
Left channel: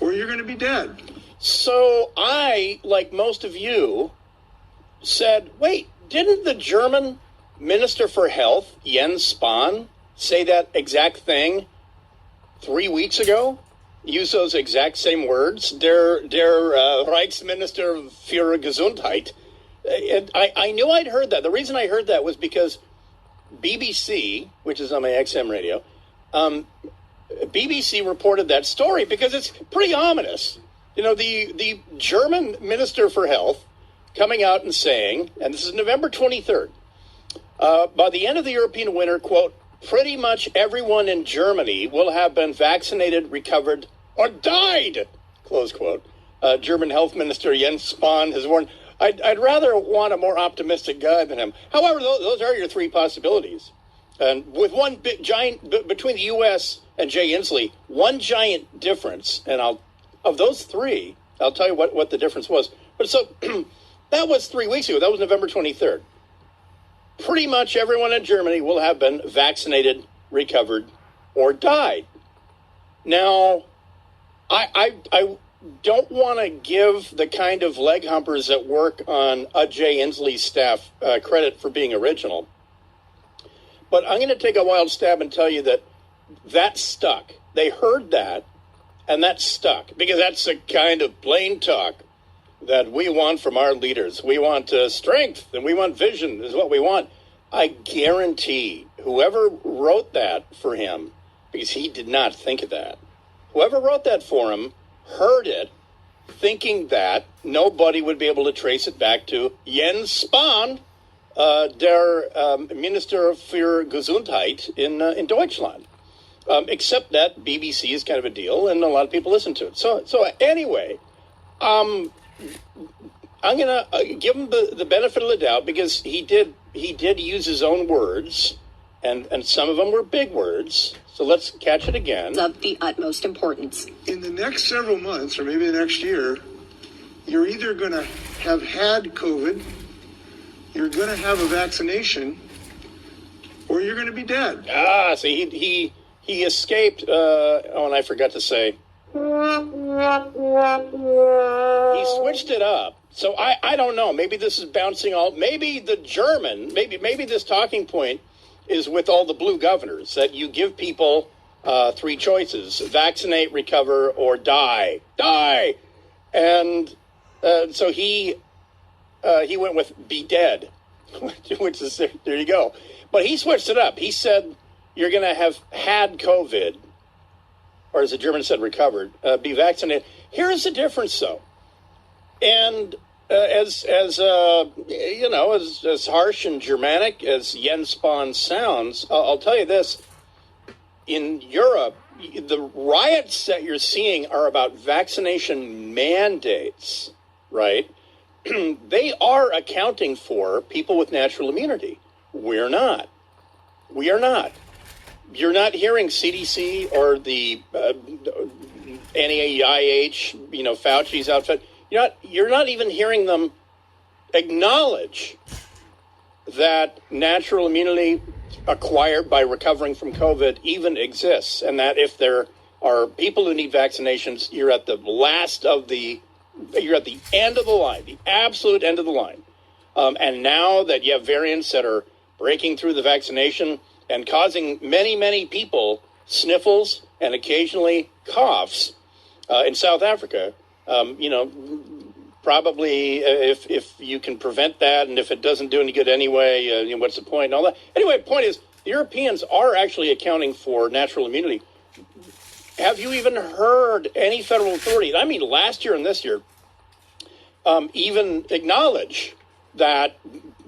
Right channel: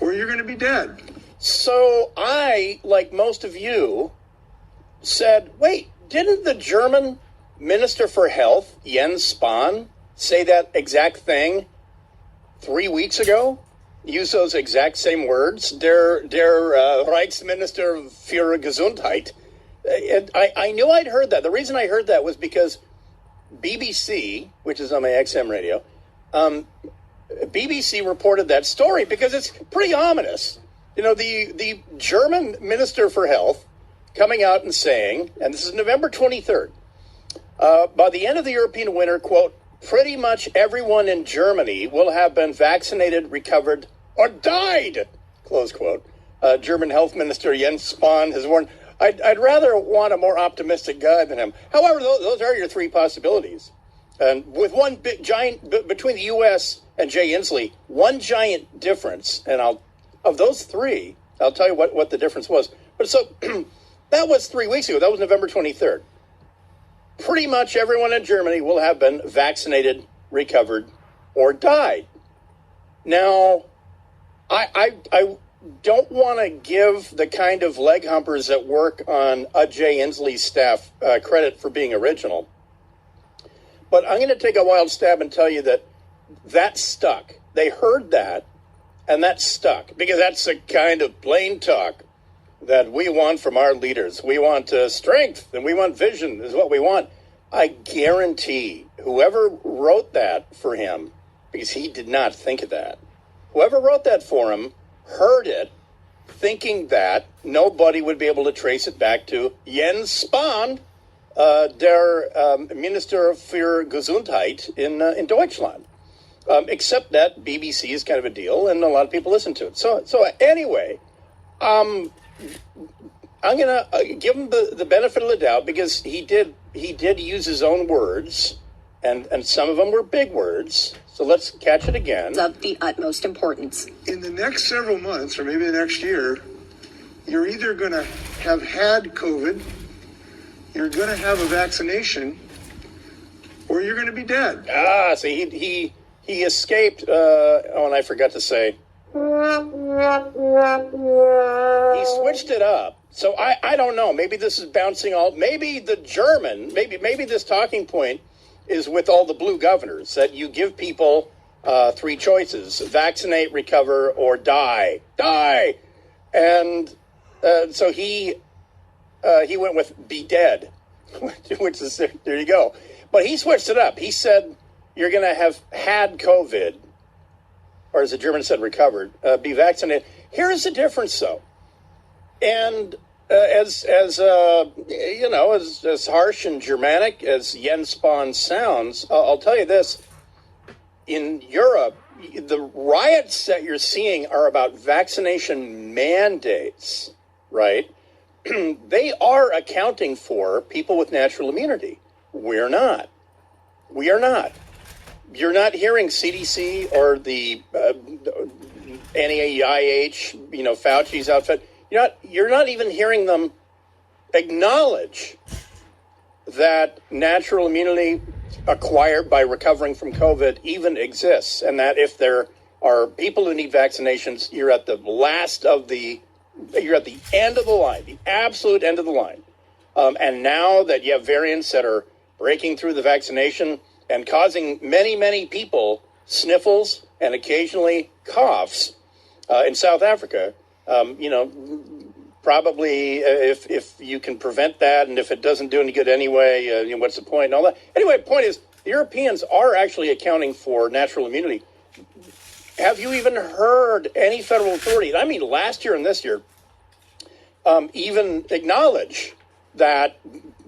or you're going to be dead. So I, like most of you, said, wait, didn't the German Minister for Health, Jens Spahn, say that exact thing 3 weeks ago? Use those exact same words? Der Reichsminister für Gesundheit. And I knew I'd heard that. The reason I heard that was because BBC, which is on my XM radio, BBC reported that story because it's pretty ominous. You know, the German Minister for Health coming out and saying, and this is November 23rd, by the end of the European winter, quote, pretty much everyone in Germany will have been vaccinated, recovered, or died, close quote. German Health Minister Jens Spahn has warned, I'd rather want a more optimistic guy than him. However, those are your three possibilities. And with one big giant, between the U.S. and Jay Inslee, one giant difference, and of those three, I'll tell you what the difference was. But so that was 3 weeks ago. That was November 23rd. Pretty much everyone in Germany will have been vaccinated, recovered, or died. Now, I don't want to give the kind of leg humpers that work on Jay Inslee's staff credit for being original. But I'm going to take a wild stab and tell you that stuck. They heard that, and that stuck, because that's the kind of plain talk that we want from our leaders. We want strength, and we want vision is what we want. I guarantee whoever wrote that for him, because he did not think of that, whoever wrote that for him heard it thinking that nobody would be able to trace it back to Jens Spahn, der Minister für Gesundheit in Deutschland. Except that BBC is kind of a deal, and a lot of people listen to it. So anyway, I'm going to give him the benefit of the doubt, because he did use his own words, and some of them were big words. So let's catch it again. Of the utmost importance. In the next several months, or maybe the next year, you're either going to have had COVID, you're going to have a vaccination, or you're going to be dead. See, he escaped, and I forgot to say, he switched it up. So I don't know. Maybe this is bouncing all. Maybe the German. Maybe this talking point is with all the blue governors, that you give people three choices: vaccinate, recover, or die. Die. And so he went with be dead, which is there you go. But he switched it up. He said you're going to have had COVID, or as the German said, recovered, be vaccinated. Here's the difference, though. And as harsh and Germanic as Jens Spahn sounds, I'll tell you this. In Europe, the riots that you're seeing are about vaccination mandates, right? They are accounting for people with natural immunity. We're not. We are not. You're not hearing CDC or the NIH, Fauci's outfit. You're not even hearing them acknowledge that natural immunity acquired by recovering from COVID even exists, and that if there are people who need vaccinations, you're at the end of the line, the absolute end of the line. And now that you have variants that are breaking through the vaccination and causing many, many people sniffles and occasionally coughs in South Africa, probably if you can prevent that, and if it doesn't do any good anyway, what's the point and all that. Anyway, the point is, the Europeans are actually accounting for natural immunity. Have you even heard any federal authority, I mean last year and this year, even acknowledge that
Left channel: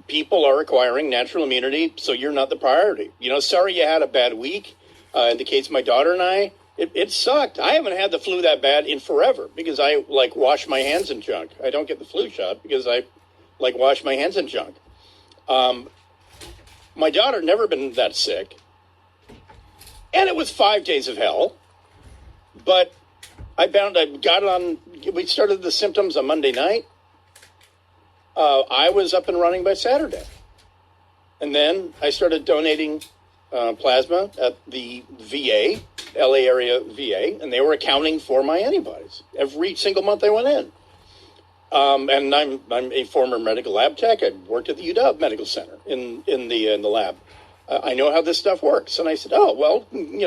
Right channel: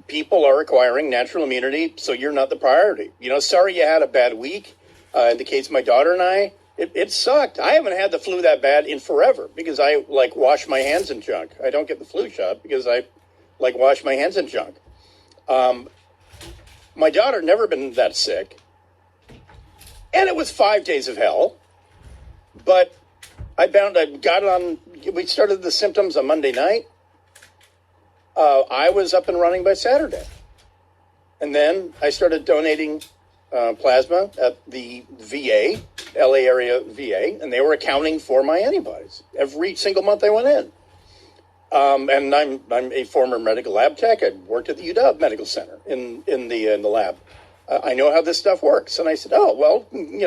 people are acquiring natural immunity, so you're not the priority? Sorry you had a bad week. In the case of my daughter and I, it sucked. I haven't had the flu that bad in forever because I wash my hands in junk. I don't get the flu shot because I wash my hands in junk. My daughter never been that sick, and it was 5 days of hell. But we started the symptoms on Monday night. I was up and running by Saturday. And then I started donating plasma at the VA, LA area VA, and they were accounting for my antibodies every single month I went in. And I'm a former medical lab tech. I worked at the UW Medical Center in the lab. I know how this stuff works. And I said, oh, well,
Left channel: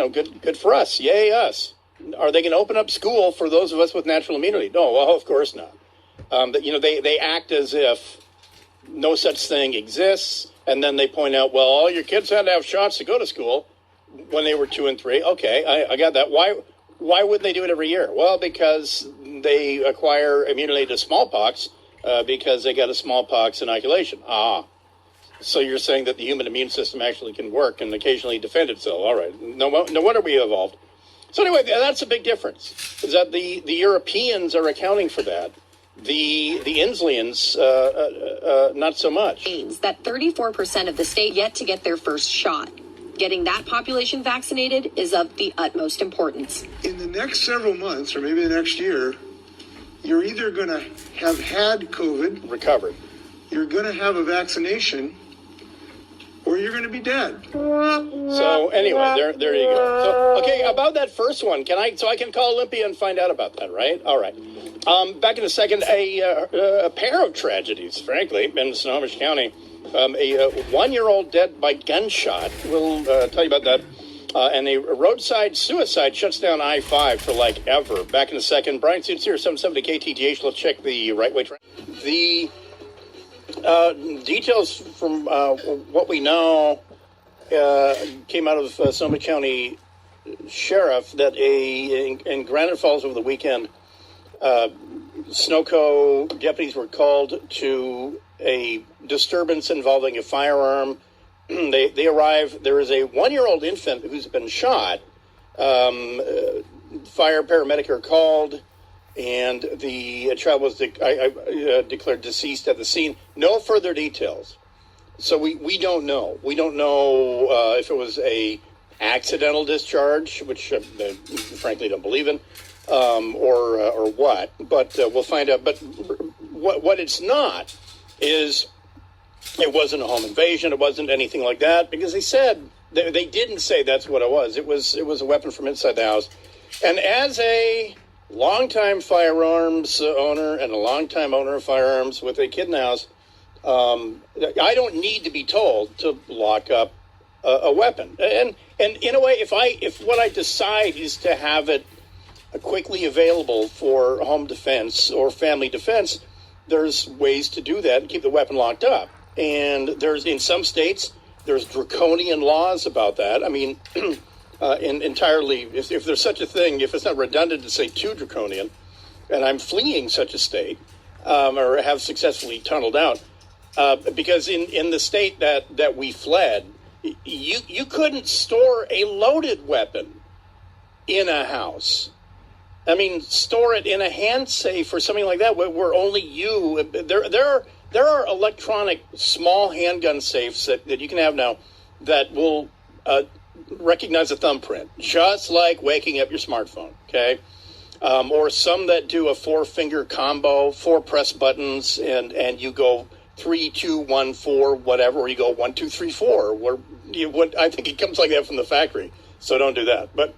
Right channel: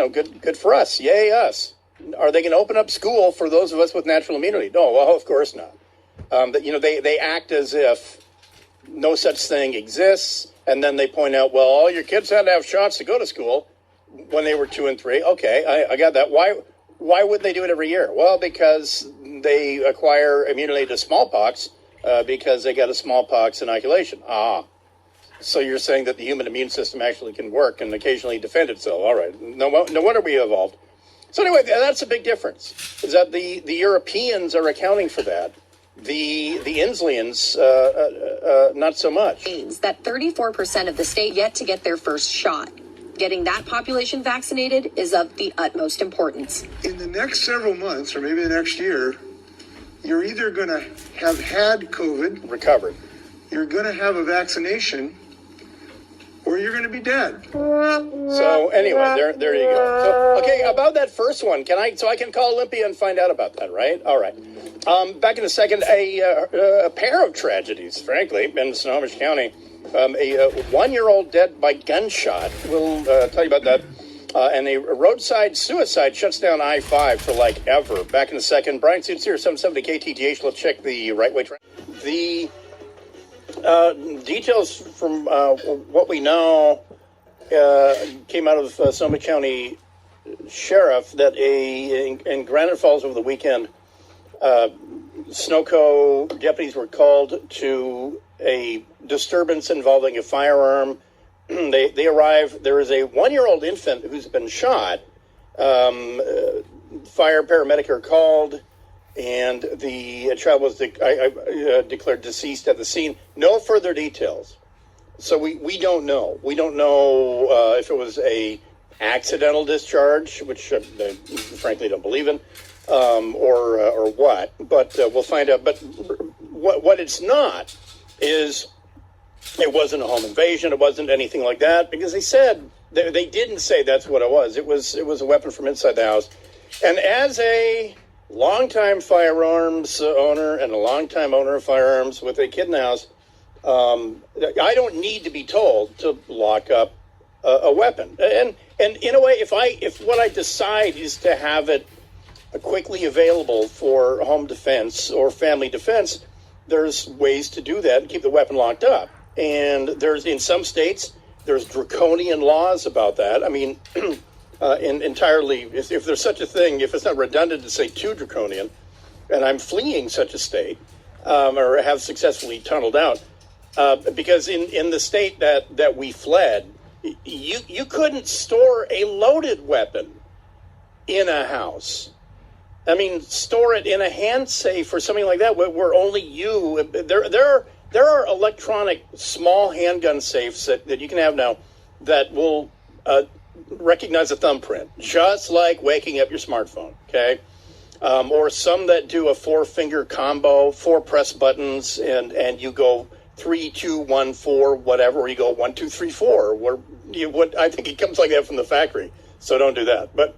good for us. Yay, us. Are they going to open up school for those of us with natural immunity? No, well, of course not. They act as if no such thing exists, and then they point out, well, all your kids had to have shots to go to school when they were 2 and 3. Okay, I got that. Why would they do it every year? Well, because they acquire immunity to smallpox because they got a smallpox inoculation. So you're saying that the human immune system actually can work and occasionally defend itself. All right, no wonder we evolved. So anyway, that's a big difference, is that the Europeans are accounting for that. The Inslians, not so much. Means that 34% of the state yet to get their first shot. Getting that population vaccinated is of the utmost importance. In the next several months, or maybe the next year, you're either going to have had COVID, recovered, you're going to have a vaccination, or you're going to be dead. So anyway, there you go. So, okay, about that first one, I can call Olympia and find out about that, right? All right. Back in a second, a pair of tragedies, frankly, in Snohomish County. A 1-year-old dead by gunshot. We'll tell you about that. And a roadside suicide shuts down I-5 for ever. Back in a second. Bryan Suits here, 770 KTTH. Let's check the right way. The details from what we know came out of Sonoma County Sheriff that in Granite Falls over the weekend, Snowco deputies were called to a disturbance involving a firearm. They arrive. There is a 1-year-old infant who's been shot. Fire paramedic are called, and the child was declared deceased at the scene. No further details. So we don't know. We don't know if it was a accidental discharge, which I frankly don't believe in, or what. But we'll find out. But what it's not is it wasn't a home invasion. It wasn't anything like that, because they didn't say that's what it was. It was a weapon from inside the house. And as a longtime firearms owner and a longtime owner of firearms with a kid in the house, I don't need to be told to lock up a weapon. And in a way, if what I decide is to have it quickly available for home defense or family defense, there's ways to do that and keep the weapon locked up. And in some states, there's draconian laws about that. I mean, entirely, if there's such a thing, if it's not redundant to say too draconian, and I'm fleeing such a state, or have successfully tunneled out, because in the state that we fled, you couldn't store a loaded weapon in a house. I mean, store it in a hand safe or something like that, where only you. There are electronic small handgun safes that you can have now that will recognize a thumbprint, just like waking up your smartphone. Okay, or some that do a 4-finger combo, 4 press buttons, and you go 3, 2, 1, 4, whatever, or you go 1, 2, 3, 4. I think it comes like that from the factory, so don't do that. But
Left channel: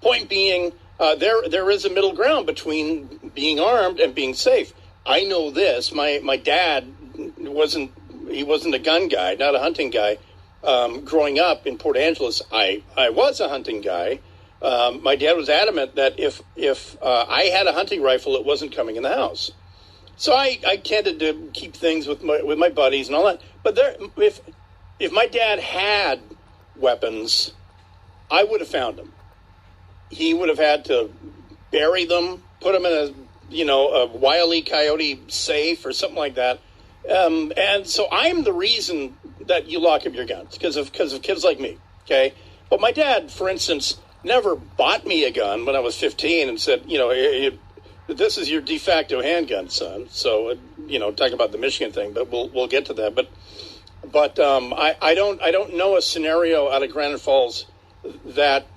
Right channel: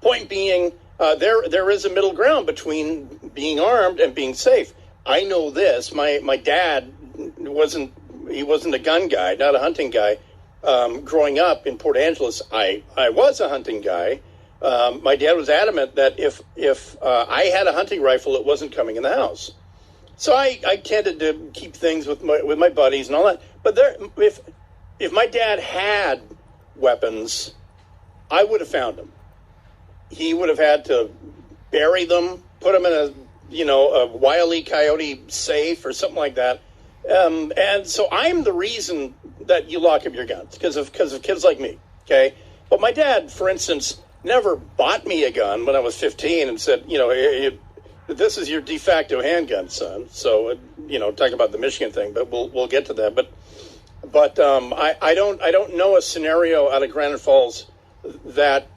point being, there is a middle ground between being armed and being safe. I know this. My dad wasn't a gun guy, not a hunting guy. Growing up in Port Angeles, I was a hunting guy. My dad was adamant that if I had a hunting rifle, it wasn't coming in the house. So I tended to keep things with my buddies and all that. But if my dad had weapons, I would have found them. He would have had to bury them, put them in a Wile E. Coyote safe or something like that. And so I'm the reason that you lock up your guns because of kids like me. Okay, but my dad, for instance, never bought me a gun when I was 15 and said, this is your de facto handgun, son. So talking about the Michigan thing, but we'll get to that. But I don't know a scenario out of Granite Falls that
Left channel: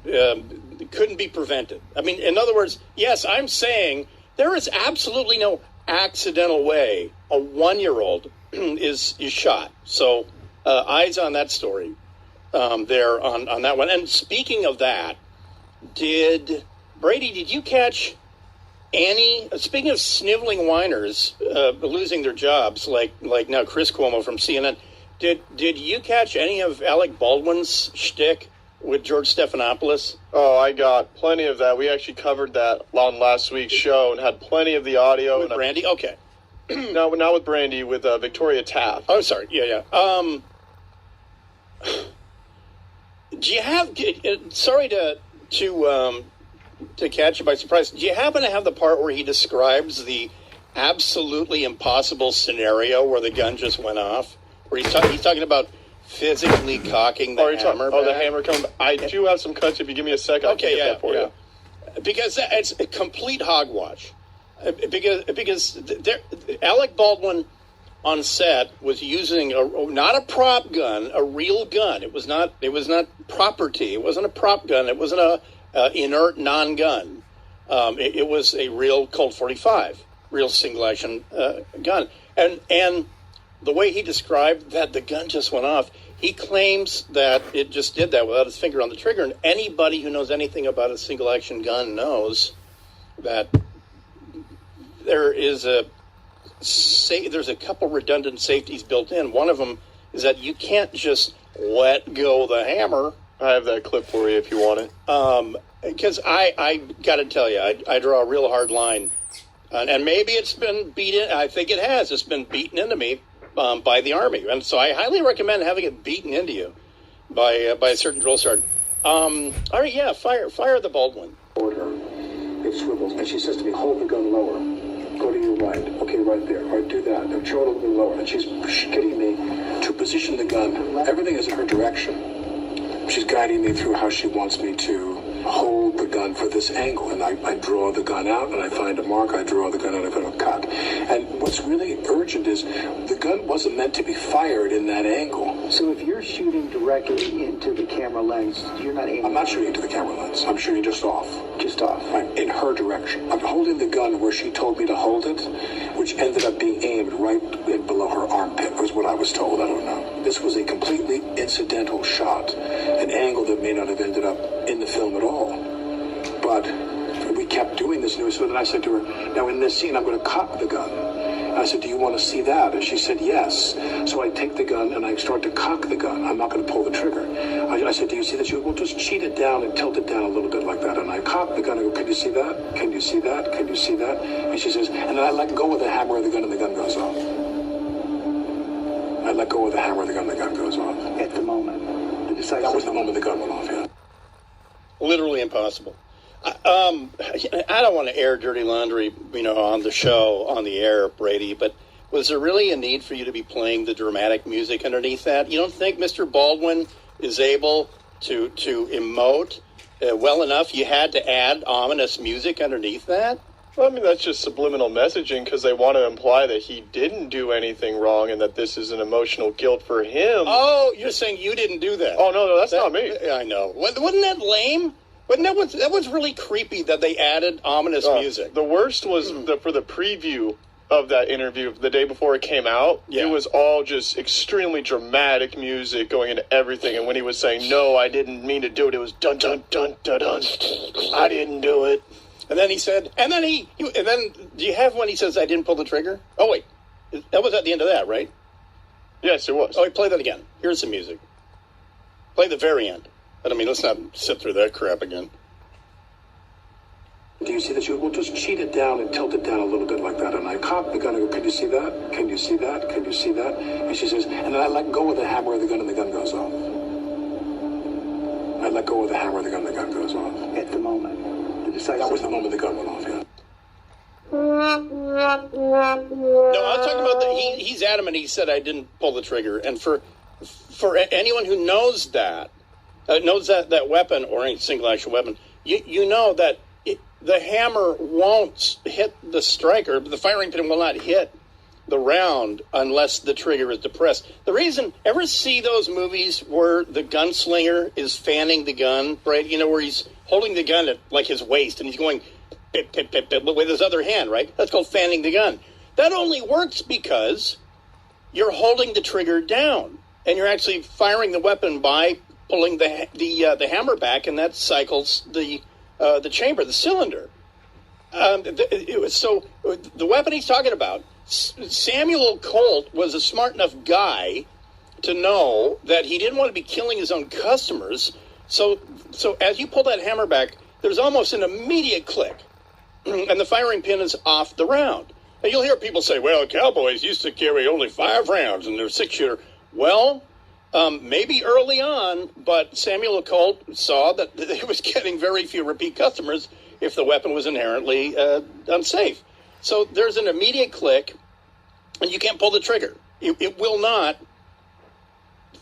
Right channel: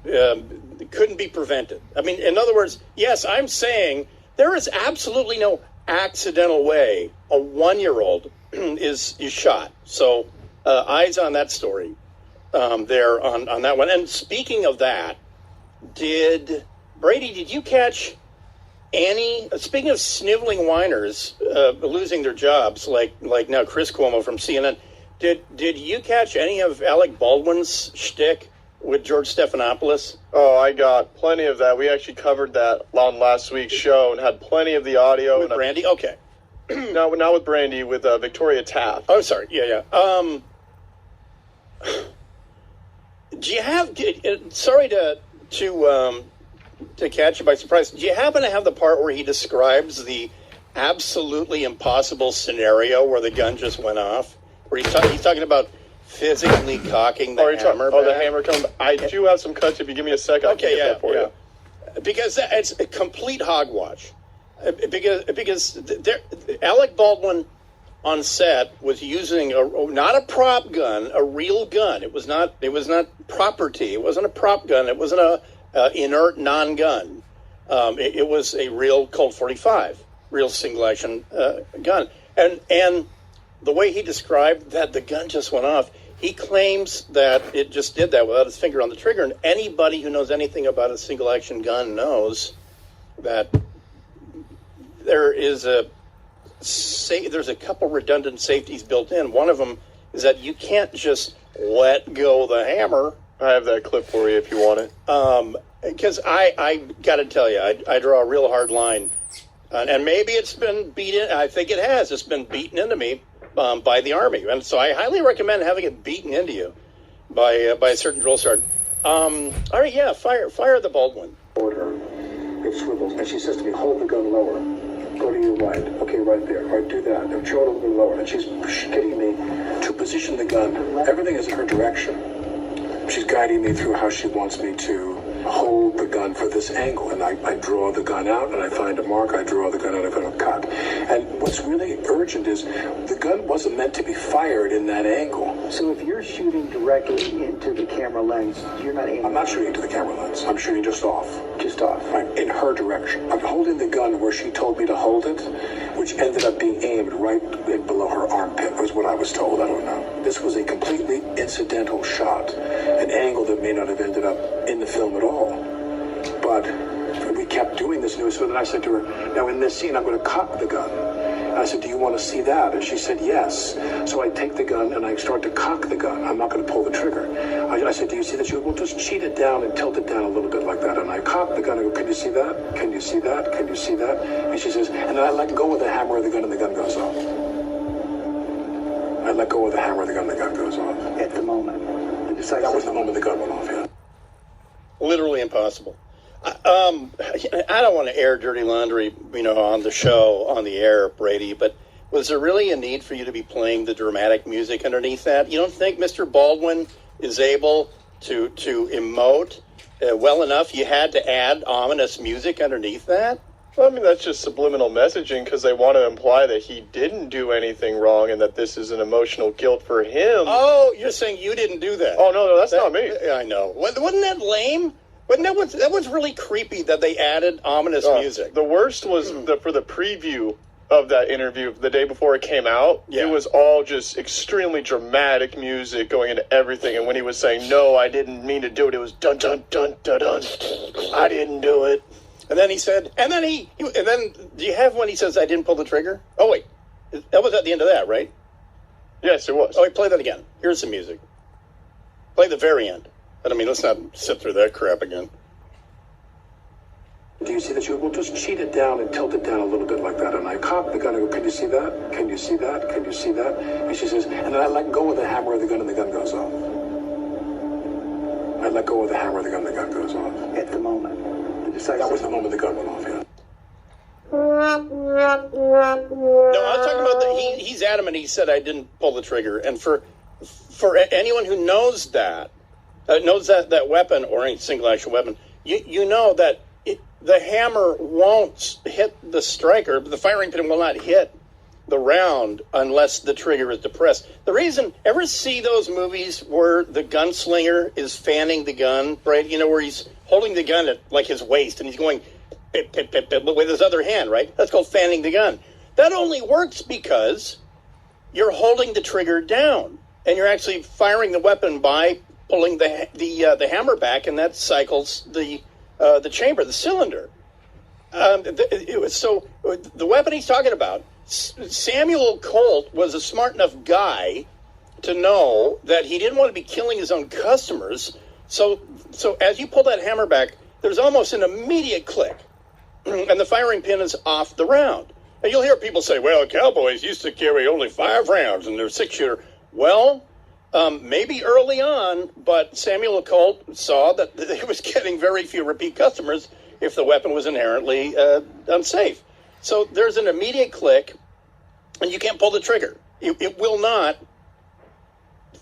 couldn't be prevented. I mean, in other words, yes, I'm saying there is absolutely no accidental way a 1-year-old is shot. So eyes on that story there on that one. And speaking of that, did you catch any, speaking of sniveling whiners losing their jobs, like now Chris Cuomo from CNN, did you catch any of Alec Baldwin's shtick with George Stephanopoulos? Oh, I got plenty of that. We actually covered that on last week's show and had plenty of the audio. With Brandy? Okay. No, not with Brandy, with Victoria Taft. Oh, sorry. Yeah. Do you have, sorry to catch you by surprise, do you happen to have the part where he describes the absolutely impossible scenario where the gun just went off? Where he's talking about physically cocking the hammer. The hammer coming. I do have some cuts. If you give me a second, okay, I'll get that for you. Because it's a complete hogwash. Because Alec Baldwin on set was using not a prop gun, a real gun. It was not property. It wasn't a prop gun. It wasn't a inert non-gun. It was a real Colt 45, real single action gun. And the way he described that the gun just went off, he claims that it just did that without his finger on the trigger. And anybody who knows anything about a single action gun knows that there's a couple redundant safeties built in. One of them is that you can't just let go the hammer. I have that clip for you if you want it. Because I got to tell you, I draw a real hard line. And maybe it's been beaten. I think it has. It's been beaten into me by the Army. And so I highly recommend having it beaten into you by a certain drill sergeant. All right, yeah, fire the Baldwin. Order. It swivels, and she says to me, hold the gun lower. Go to your right. Okay, right there. All right, do that. And throw it a little bit lower. And she's getting me to position the gun. Everything is in her direction. She's guiding me through how she wants me to hold the gun for this angle. And I draw the gun out, and I find a mark. I draw the gun out, I find a cut. And what's really urgent is the gun wasn't meant to be fired in that angle. So if you're shooting directly into the camera lens, you're not aiming? I'm not shooting into the camera lens. I'm shooting just off. Just off. Right, in her direction. I'm holding the gun where she told me to hold it, which ended up being aimed right below her armpit, was what I was told. I don't know. This was a completely incidental shot, an angle that may not have ended up in the film at all. But we kept doing this, and so then I said to her, now in this scene, I'm going to cock the gun. And I said, do you want to see that? And she said, yes. So I take the gun, and I start to cock the gun. I'm not going to pull the trigger. I said, do you see that? She went, well, just cheat it down and tilt it down a little bit like that. And I cock the gun, and I go, can you see that? Can you see that? Can you see that? And she says, and then I let go of the hammer of the gun, and the gun goes off. I let go of the hammer of the gun, and the gun goes off. At the moment. That was the moment the gun went off, yeah. Literally impossible. I don't want to air dirty laundry, on the show, on the air, Brady, but was there really a need for you to be playing the dramatic music underneath that? You don't think Mr. Baldwin is able to emote well enough? You had to add ominous music underneath that? Well, I mean, that's just subliminal messaging because they want to imply that he didn't do anything wrong and that this is an emotional guilt for him. Oh, you're saying you didn't do that? Oh, no, that's not me. I know. Wasn't that lame? That was really creepy that they added ominous music. The worst was for the preview of that interview the day before it came out. Yeah. It was all just extremely dramatic music going into everything. And when he was saying, no, I didn't mean to do it, it was dun, dun, dun, dun, dun. I didn't do it. And then he said, and then do you have when he says, I didn't pull the trigger? Oh, wait. That was at the end of that, right? Yes, it was. Oh, wait, play that again. Here's the music. Play the very end. But, I mean, let's not sit through that crap again. Do you see that? We'll just cheat it down and tilt it down a little bit like that. And I cock the gun and go, can you see that? Can you see that? Can you see that? And she says, and then I let go of the hammer of the gun and the gun goes off. I let go of the hammer of the gun goes off. At the moment. That was the moment the gun went off, yeah. No, I'm talking about he's adamant. He said I didn't pull the trigger. And for anyone who knows that weapon or any single action weapon, you know that the hammer won't hit the striker. The firing pin will not hit the round unless the trigger is depressed. The reason, ever see those movies where the gunslinger is fanning the gun, right? You know, where he's holding the gun at like his waist and he's going pip, pip, pip, pip, with his other hand, right? That's called fanning the gun. That only works because you're holding the trigger down and you're actually firing the weapon by pulling the hammer back, and that cycles the chamber, the cylinder. So the weapon he's talking about, Samuel Colt was a smart enough guy to know that he didn't want to be killing his own customers. So as you pull that hammer back, there's almost an immediate click, and the firing pin is off the round. And you'll hear people say, well, cowboys used to carry only 5 rounds in their 6-shooter. Well, maybe early on, but Samuel Colt saw that he was getting very few repeat customers if the weapon was inherently unsafe. So there's an immediate click, and you can't pull the trigger. It will not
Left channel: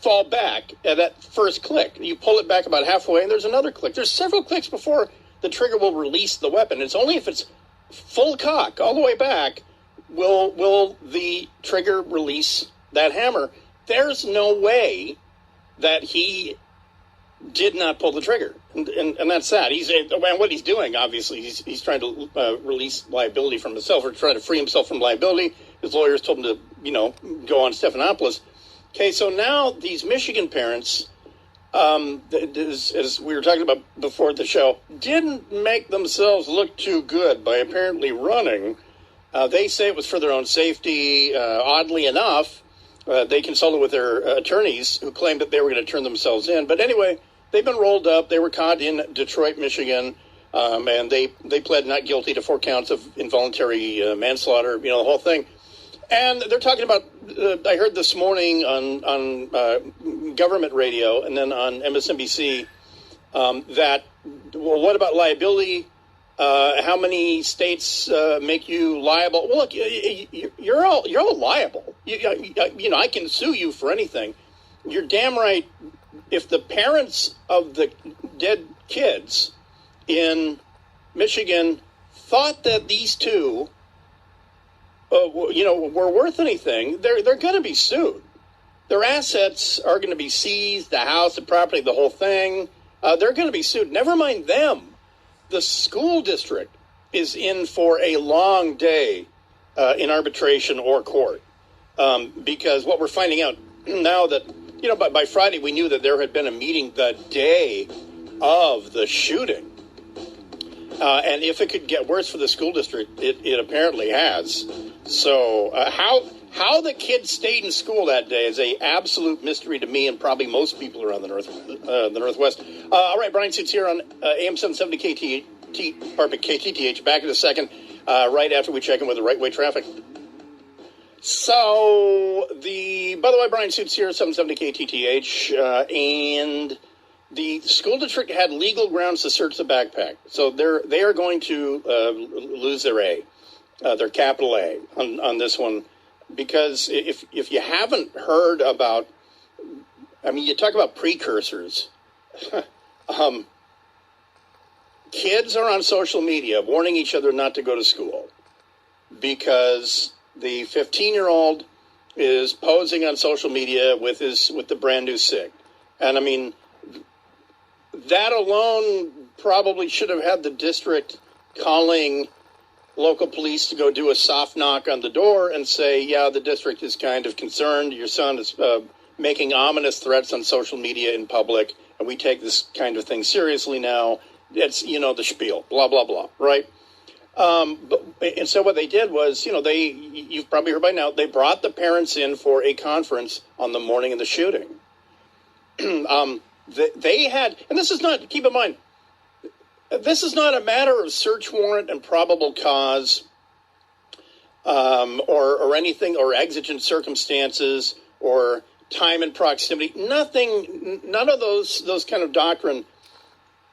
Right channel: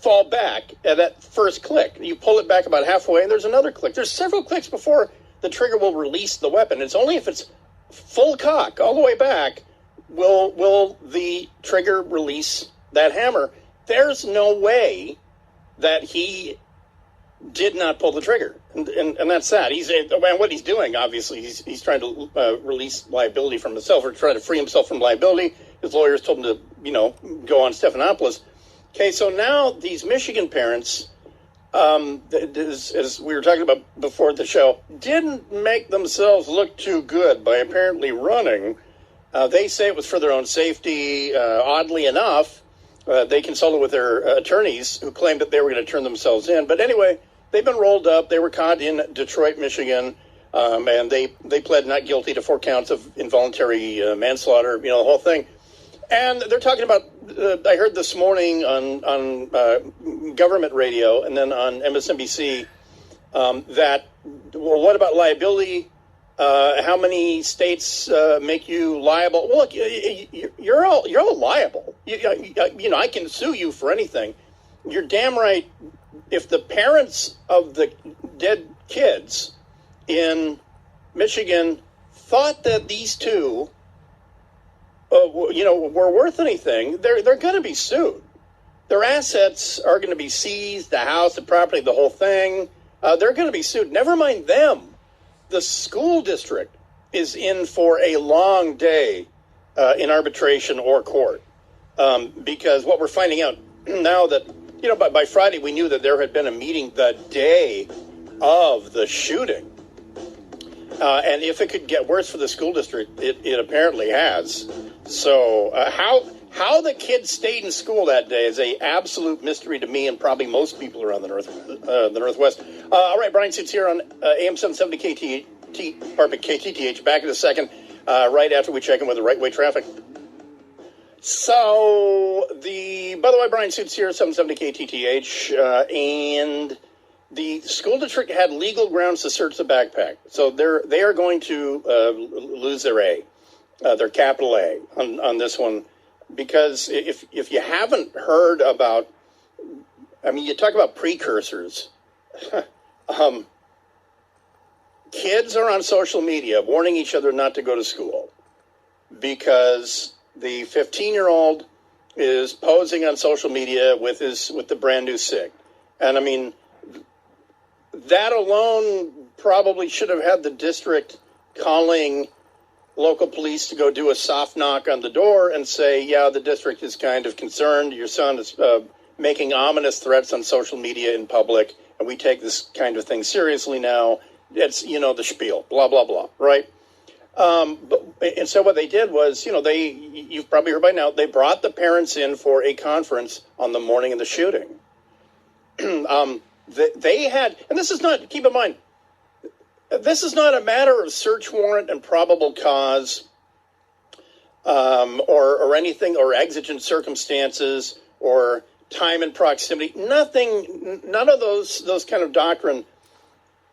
fall back at that first click. You pull it back about halfway, and there's another click. There's several clicks before the trigger will release the weapon. It's only if it's full cock all the way back will the trigger release that hammer. There's no way that he did not pull the trigger, and that's that. What he's doing, obviously, he's trying to release liability from himself, or trying to free himself from liability. His lawyers told him to, go on Stephanopoulos. Okay, so now these Michigan parents, as we were talking about before the show, didn't make themselves look too good by apparently running. They say it was for their own safety. Oddly enough, they consulted with their attorneys who claimed that they were going to turn themselves in. But anyway, they've been rolled up. They were caught in Detroit, Michigan, and they pled not guilty to 4 counts of involuntary manslaughter, the whole thing. And they're talking about, I heard this morning on government radio and then on MSNBC that, well, what about liability? How many states make you liable? Well, look, you're all liable. I can sue you for anything. You're damn right. If the parents of the dead kids in Michigan thought that these two, were worth anything, they're going to be sued. Their assets are going to be seized, the house, the property, the whole thing. They're going to be sued. Never mind them. The school district is in for a long day in arbitration or court because what we're finding out now that, by Friday we knew that there had been a meeting the day of the shooting. And if it could get worse for the school district, it apparently has. So how the kids stayed in school that day is a absolute mystery to me and probably most people around the Northwest. All right, Bryan Suits here on AM 770 KTTH. Back in a second, right after we check in with the right-way traffic. So, by the way, Bryan Suits here, 770 KTTH, and the school district had legal grounds to search the backpack. So they are going to lose their A, their capital A on this one. Because if you haven't heard about, you talk about precursors. Kids are on social media warning each other not to go to school because the 15-year-old is posing on social media with the brand new SIG. And that alone probably should have had the district calling local police to go do a soft knock on the door and say, yeah, the district is kind of concerned. Your son is making ominous threats on social media in public, and we take this kind of thing seriously now. It's, the spiel, blah, blah, blah, right? And so what they did was, you've probably heard by now, they brought the parents in for a conference on the morning of the shooting. They had, and this is not, keep in mind, this is not a matter of search warrant and probable cause or anything, or exigent circumstances or time and proximity. None of those kind of doctrine.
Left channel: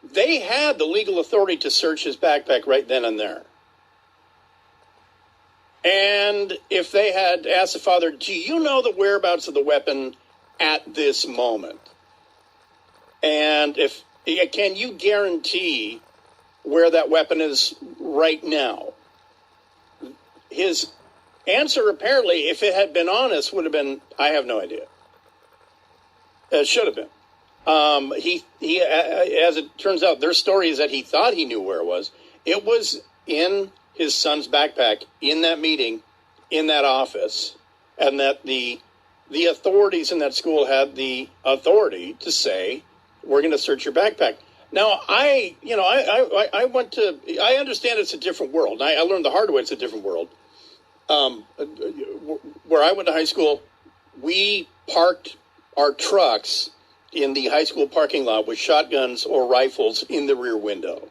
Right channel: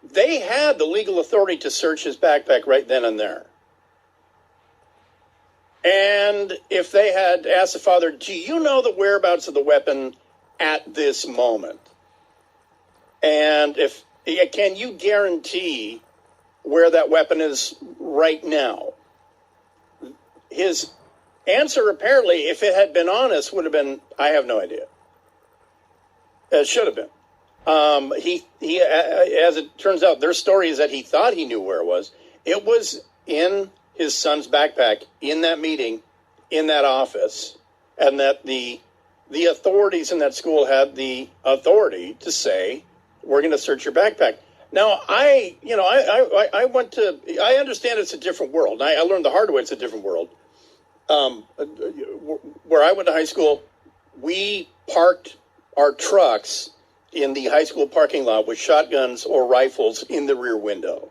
They had the legal authority to search his backpack right then and there. And if they had asked the father, do you know the whereabouts of the weapon at this moment? And can you guarantee where that weapon is right now? His answer, apparently, if it had been honest, would have been, I have no idea. It should have been. He, as it turns out, their story is that he thought he knew where it was. It was in his son's backpack, in that meeting, in that office, and that the authorities in that school had the authority to say, we're going to search your backpack. Now, I understand it's a different world. I learned the hard way it's a different world. Where I went to high school, we parked our trucks in the high school parking lot with shotguns or rifles in the rear window.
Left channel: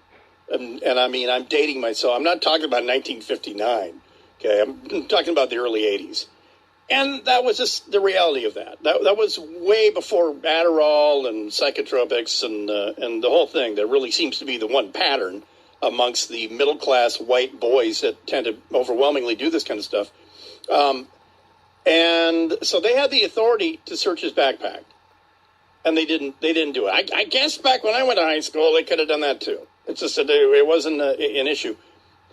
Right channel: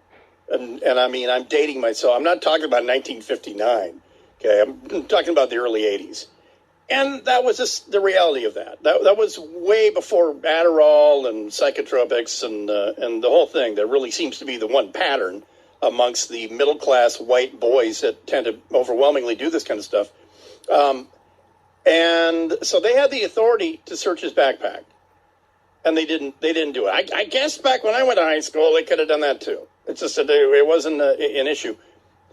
And I mean, I'm dating myself. I'm not talking about 1959. Okay, I'm talking about the early 80s. And that was just the reality of that. That was way before Adderall and psychotropics and the whole thing. There really seems to be the one pattern amongst the middle-class white boys that tend to overwhelmingly do this kind of stuff. And so they had the authority to search his backpack. And they didn't do it. I guess back when I went to high school, they could have done that too. It's just that it wasn't an issue.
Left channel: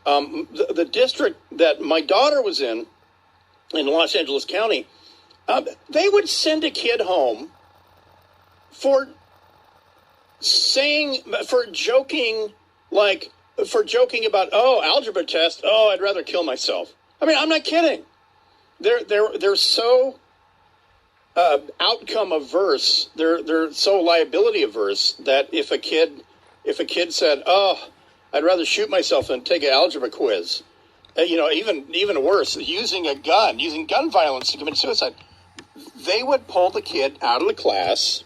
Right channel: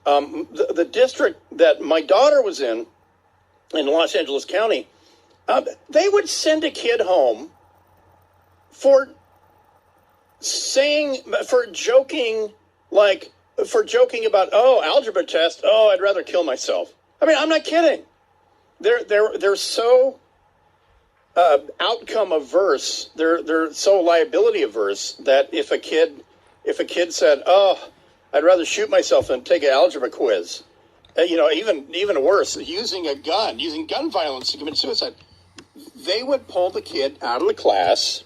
The district that my daughter was in Los Angeles County, they would send a kid home for joking about, algebra test, I'd rather kill myself. I mean, I'm not kidding. They're so outcome averse. They're so liability averse that if a kid said, I'd rather shoot myself than take an algebra quiz, even worse, using gun violence to commit suicide, they would pull the kid out of the class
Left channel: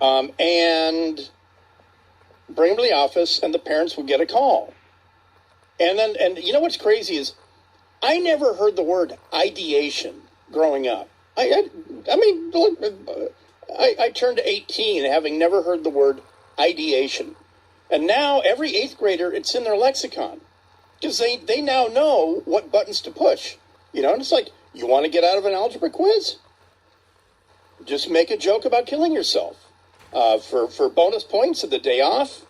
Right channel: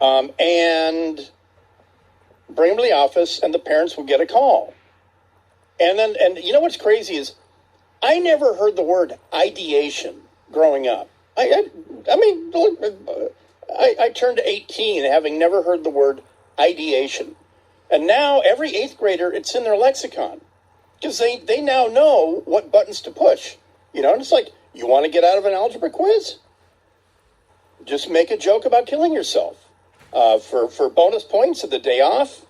and bring him to the office, and the parents would get a call. And you know what's crazy is I never heard the word ideation growing up. I turned 18 having never heard the word ideation. And now every 8th grader, it's in their lexicon. Because they now know what buttons to push. And it's like, you want to get out of an algebra quiz? Just make a joke about killing yourself. For bonus points at the day off,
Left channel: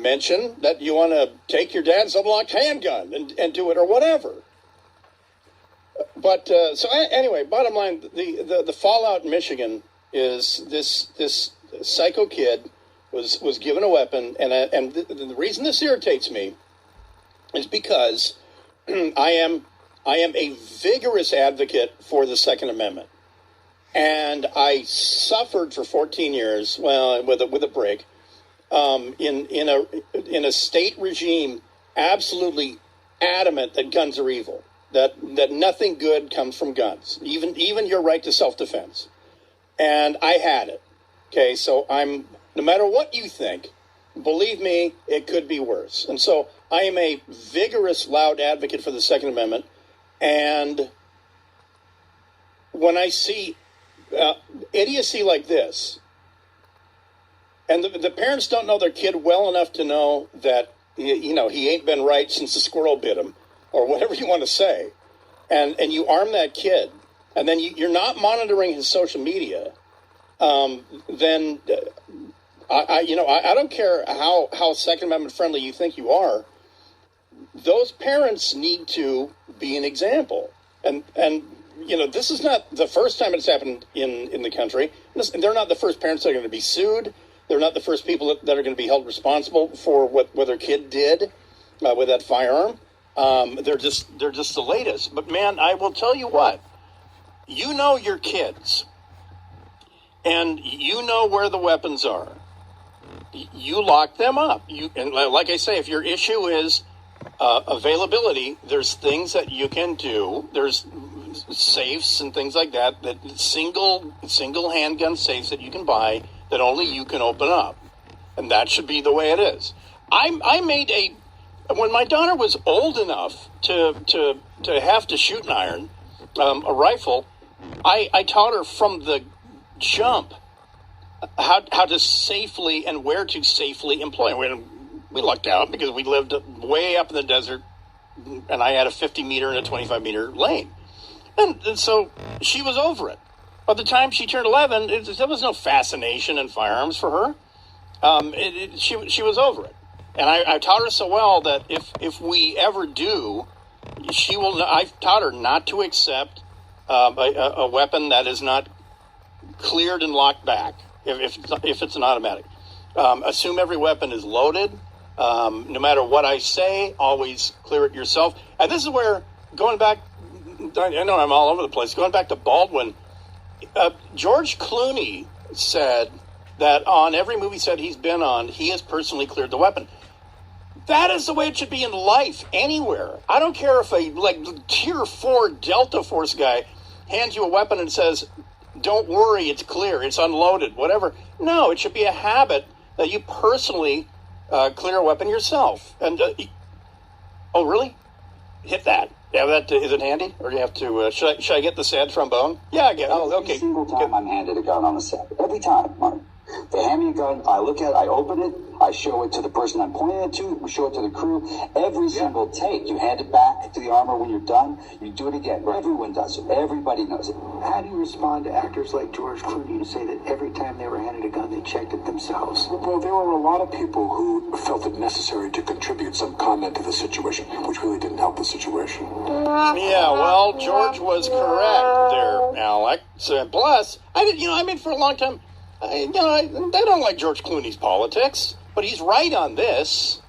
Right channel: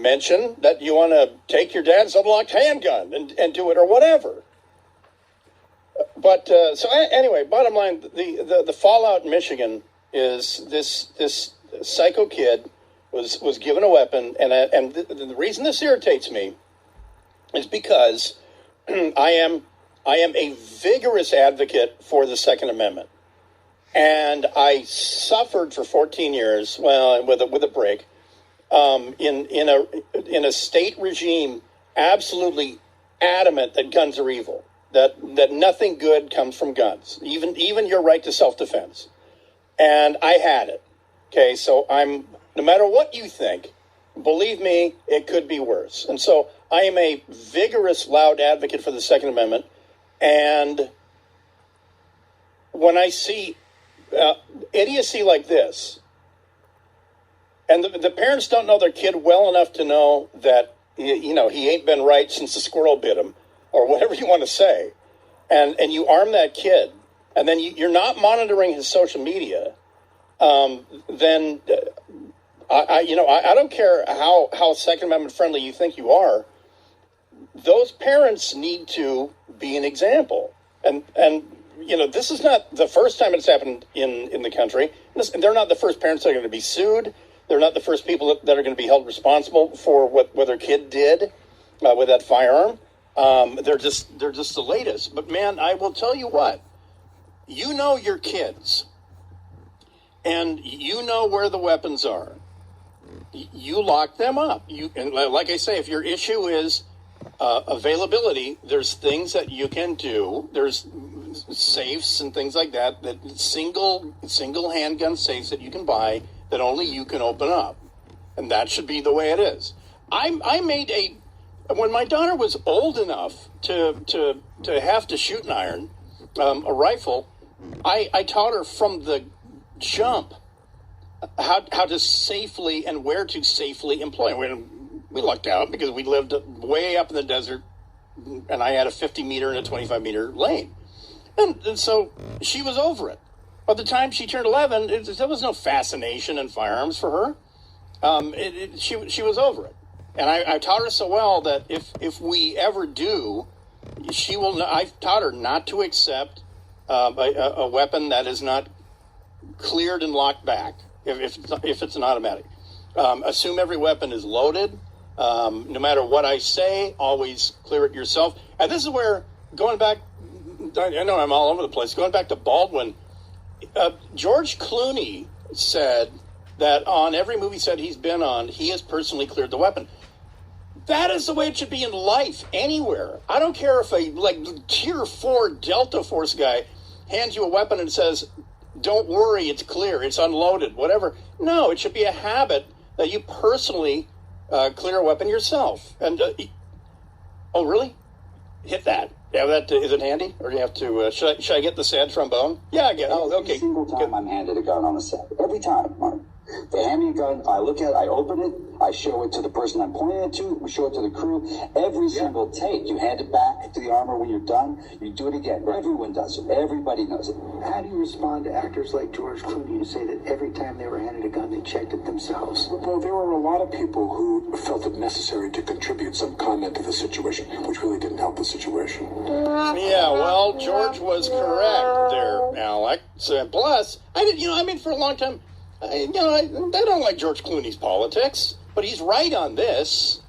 mention that you want to take your dad's unlocked handgun and do it or whatever. But anyway, bottom line, the fallout in Michigan is this psycho kid was given a weapon, and the reason this irritates me is because I am a vigorous advocate for the Second Amendment, and I suffered for 14 years, well, with a break, in a state regime absolutely adamant that guns are evil. That nothing good comes from guns, even your right to self-defense. And I had it. Okay, so no matter what you think, believe me, it could be worse. And so I am a vigorous, loud advocate for the Second Amendment. And when I see idiocy like this, and the parents don't know their kid well enough to know that, he ain't been right since the squirrel bit him, or whatever you want to say, and you arm that kid, and then you're not monitoring his social media, then I don't care how Second Amendment friendly you think you are. Those parents need to be an example, and this is not the first time it's happened in the country. They're not the first parents that are going to be sued. They're not the first people that are going to be held responsible for what their kid did. with that firearm. They're just the latest. But man, I will tell you what. You know your kids, and you know where the weapons are. You lock them up. And like I say, if your issue is availability, there's things that you can do. There's safes and things like that. That single handgun safes that you can buy that only you can open up, and that should be the way it is. I made when my daughter was old enough to have to shoot an iron, a rifle. I taught her from the jump how to safely and where to safely employ. We lucked out because we lived way up in the desert, and I had a 50 meter and a 25 meter lane, and so she was over it. By the time she turned 11, there was no fascination in firearms for her. She was over it, and I taught her so well that if we ever do, she will. I've taught her not to accept a weapon that is not cleared and locked back. If it's an automatic, assume every weapon is loaded. No matter what I say, always clear it yourself. And this is where, going back, I know I'm all over the place. Going back to Baldwin, George Clooney said that on every movie set he's been on, he has personally cleared the weapon. That is the way it should be in life, anywhere. I don't care if a tier 4 Delta Force guy hands you a weapon and says, "Don't worry, it's clear, it's unloaded," whatever. No, it should be a habit that you personally clear a weapon yourself. And oh, really? Hit that. Yeah, that is it handy, or do you have to? Should I get the sad trombone? Yeah, I get it. Oh, okay. Every single time I'm handed a gun on the set. Every time, Mark. They hand me a gun, I look at it, I open it, I show it to the person I'm pointing it to, we show it to the crew. Every single take, you hand it back to the armor when you're done, you do it again. Everyone does it. Everybody knows it. How do you respond to actors like George Clooney who say that every time they were handed a gun, they checked it themselves? Well, there were a lot of people who felt it necessary to contribute some comment to the situation, which really didn't help the situation. Yeah, well, George was correct there, Alec. So, plus, for a long time, I don't like George Clooney's politics, but he's right on this.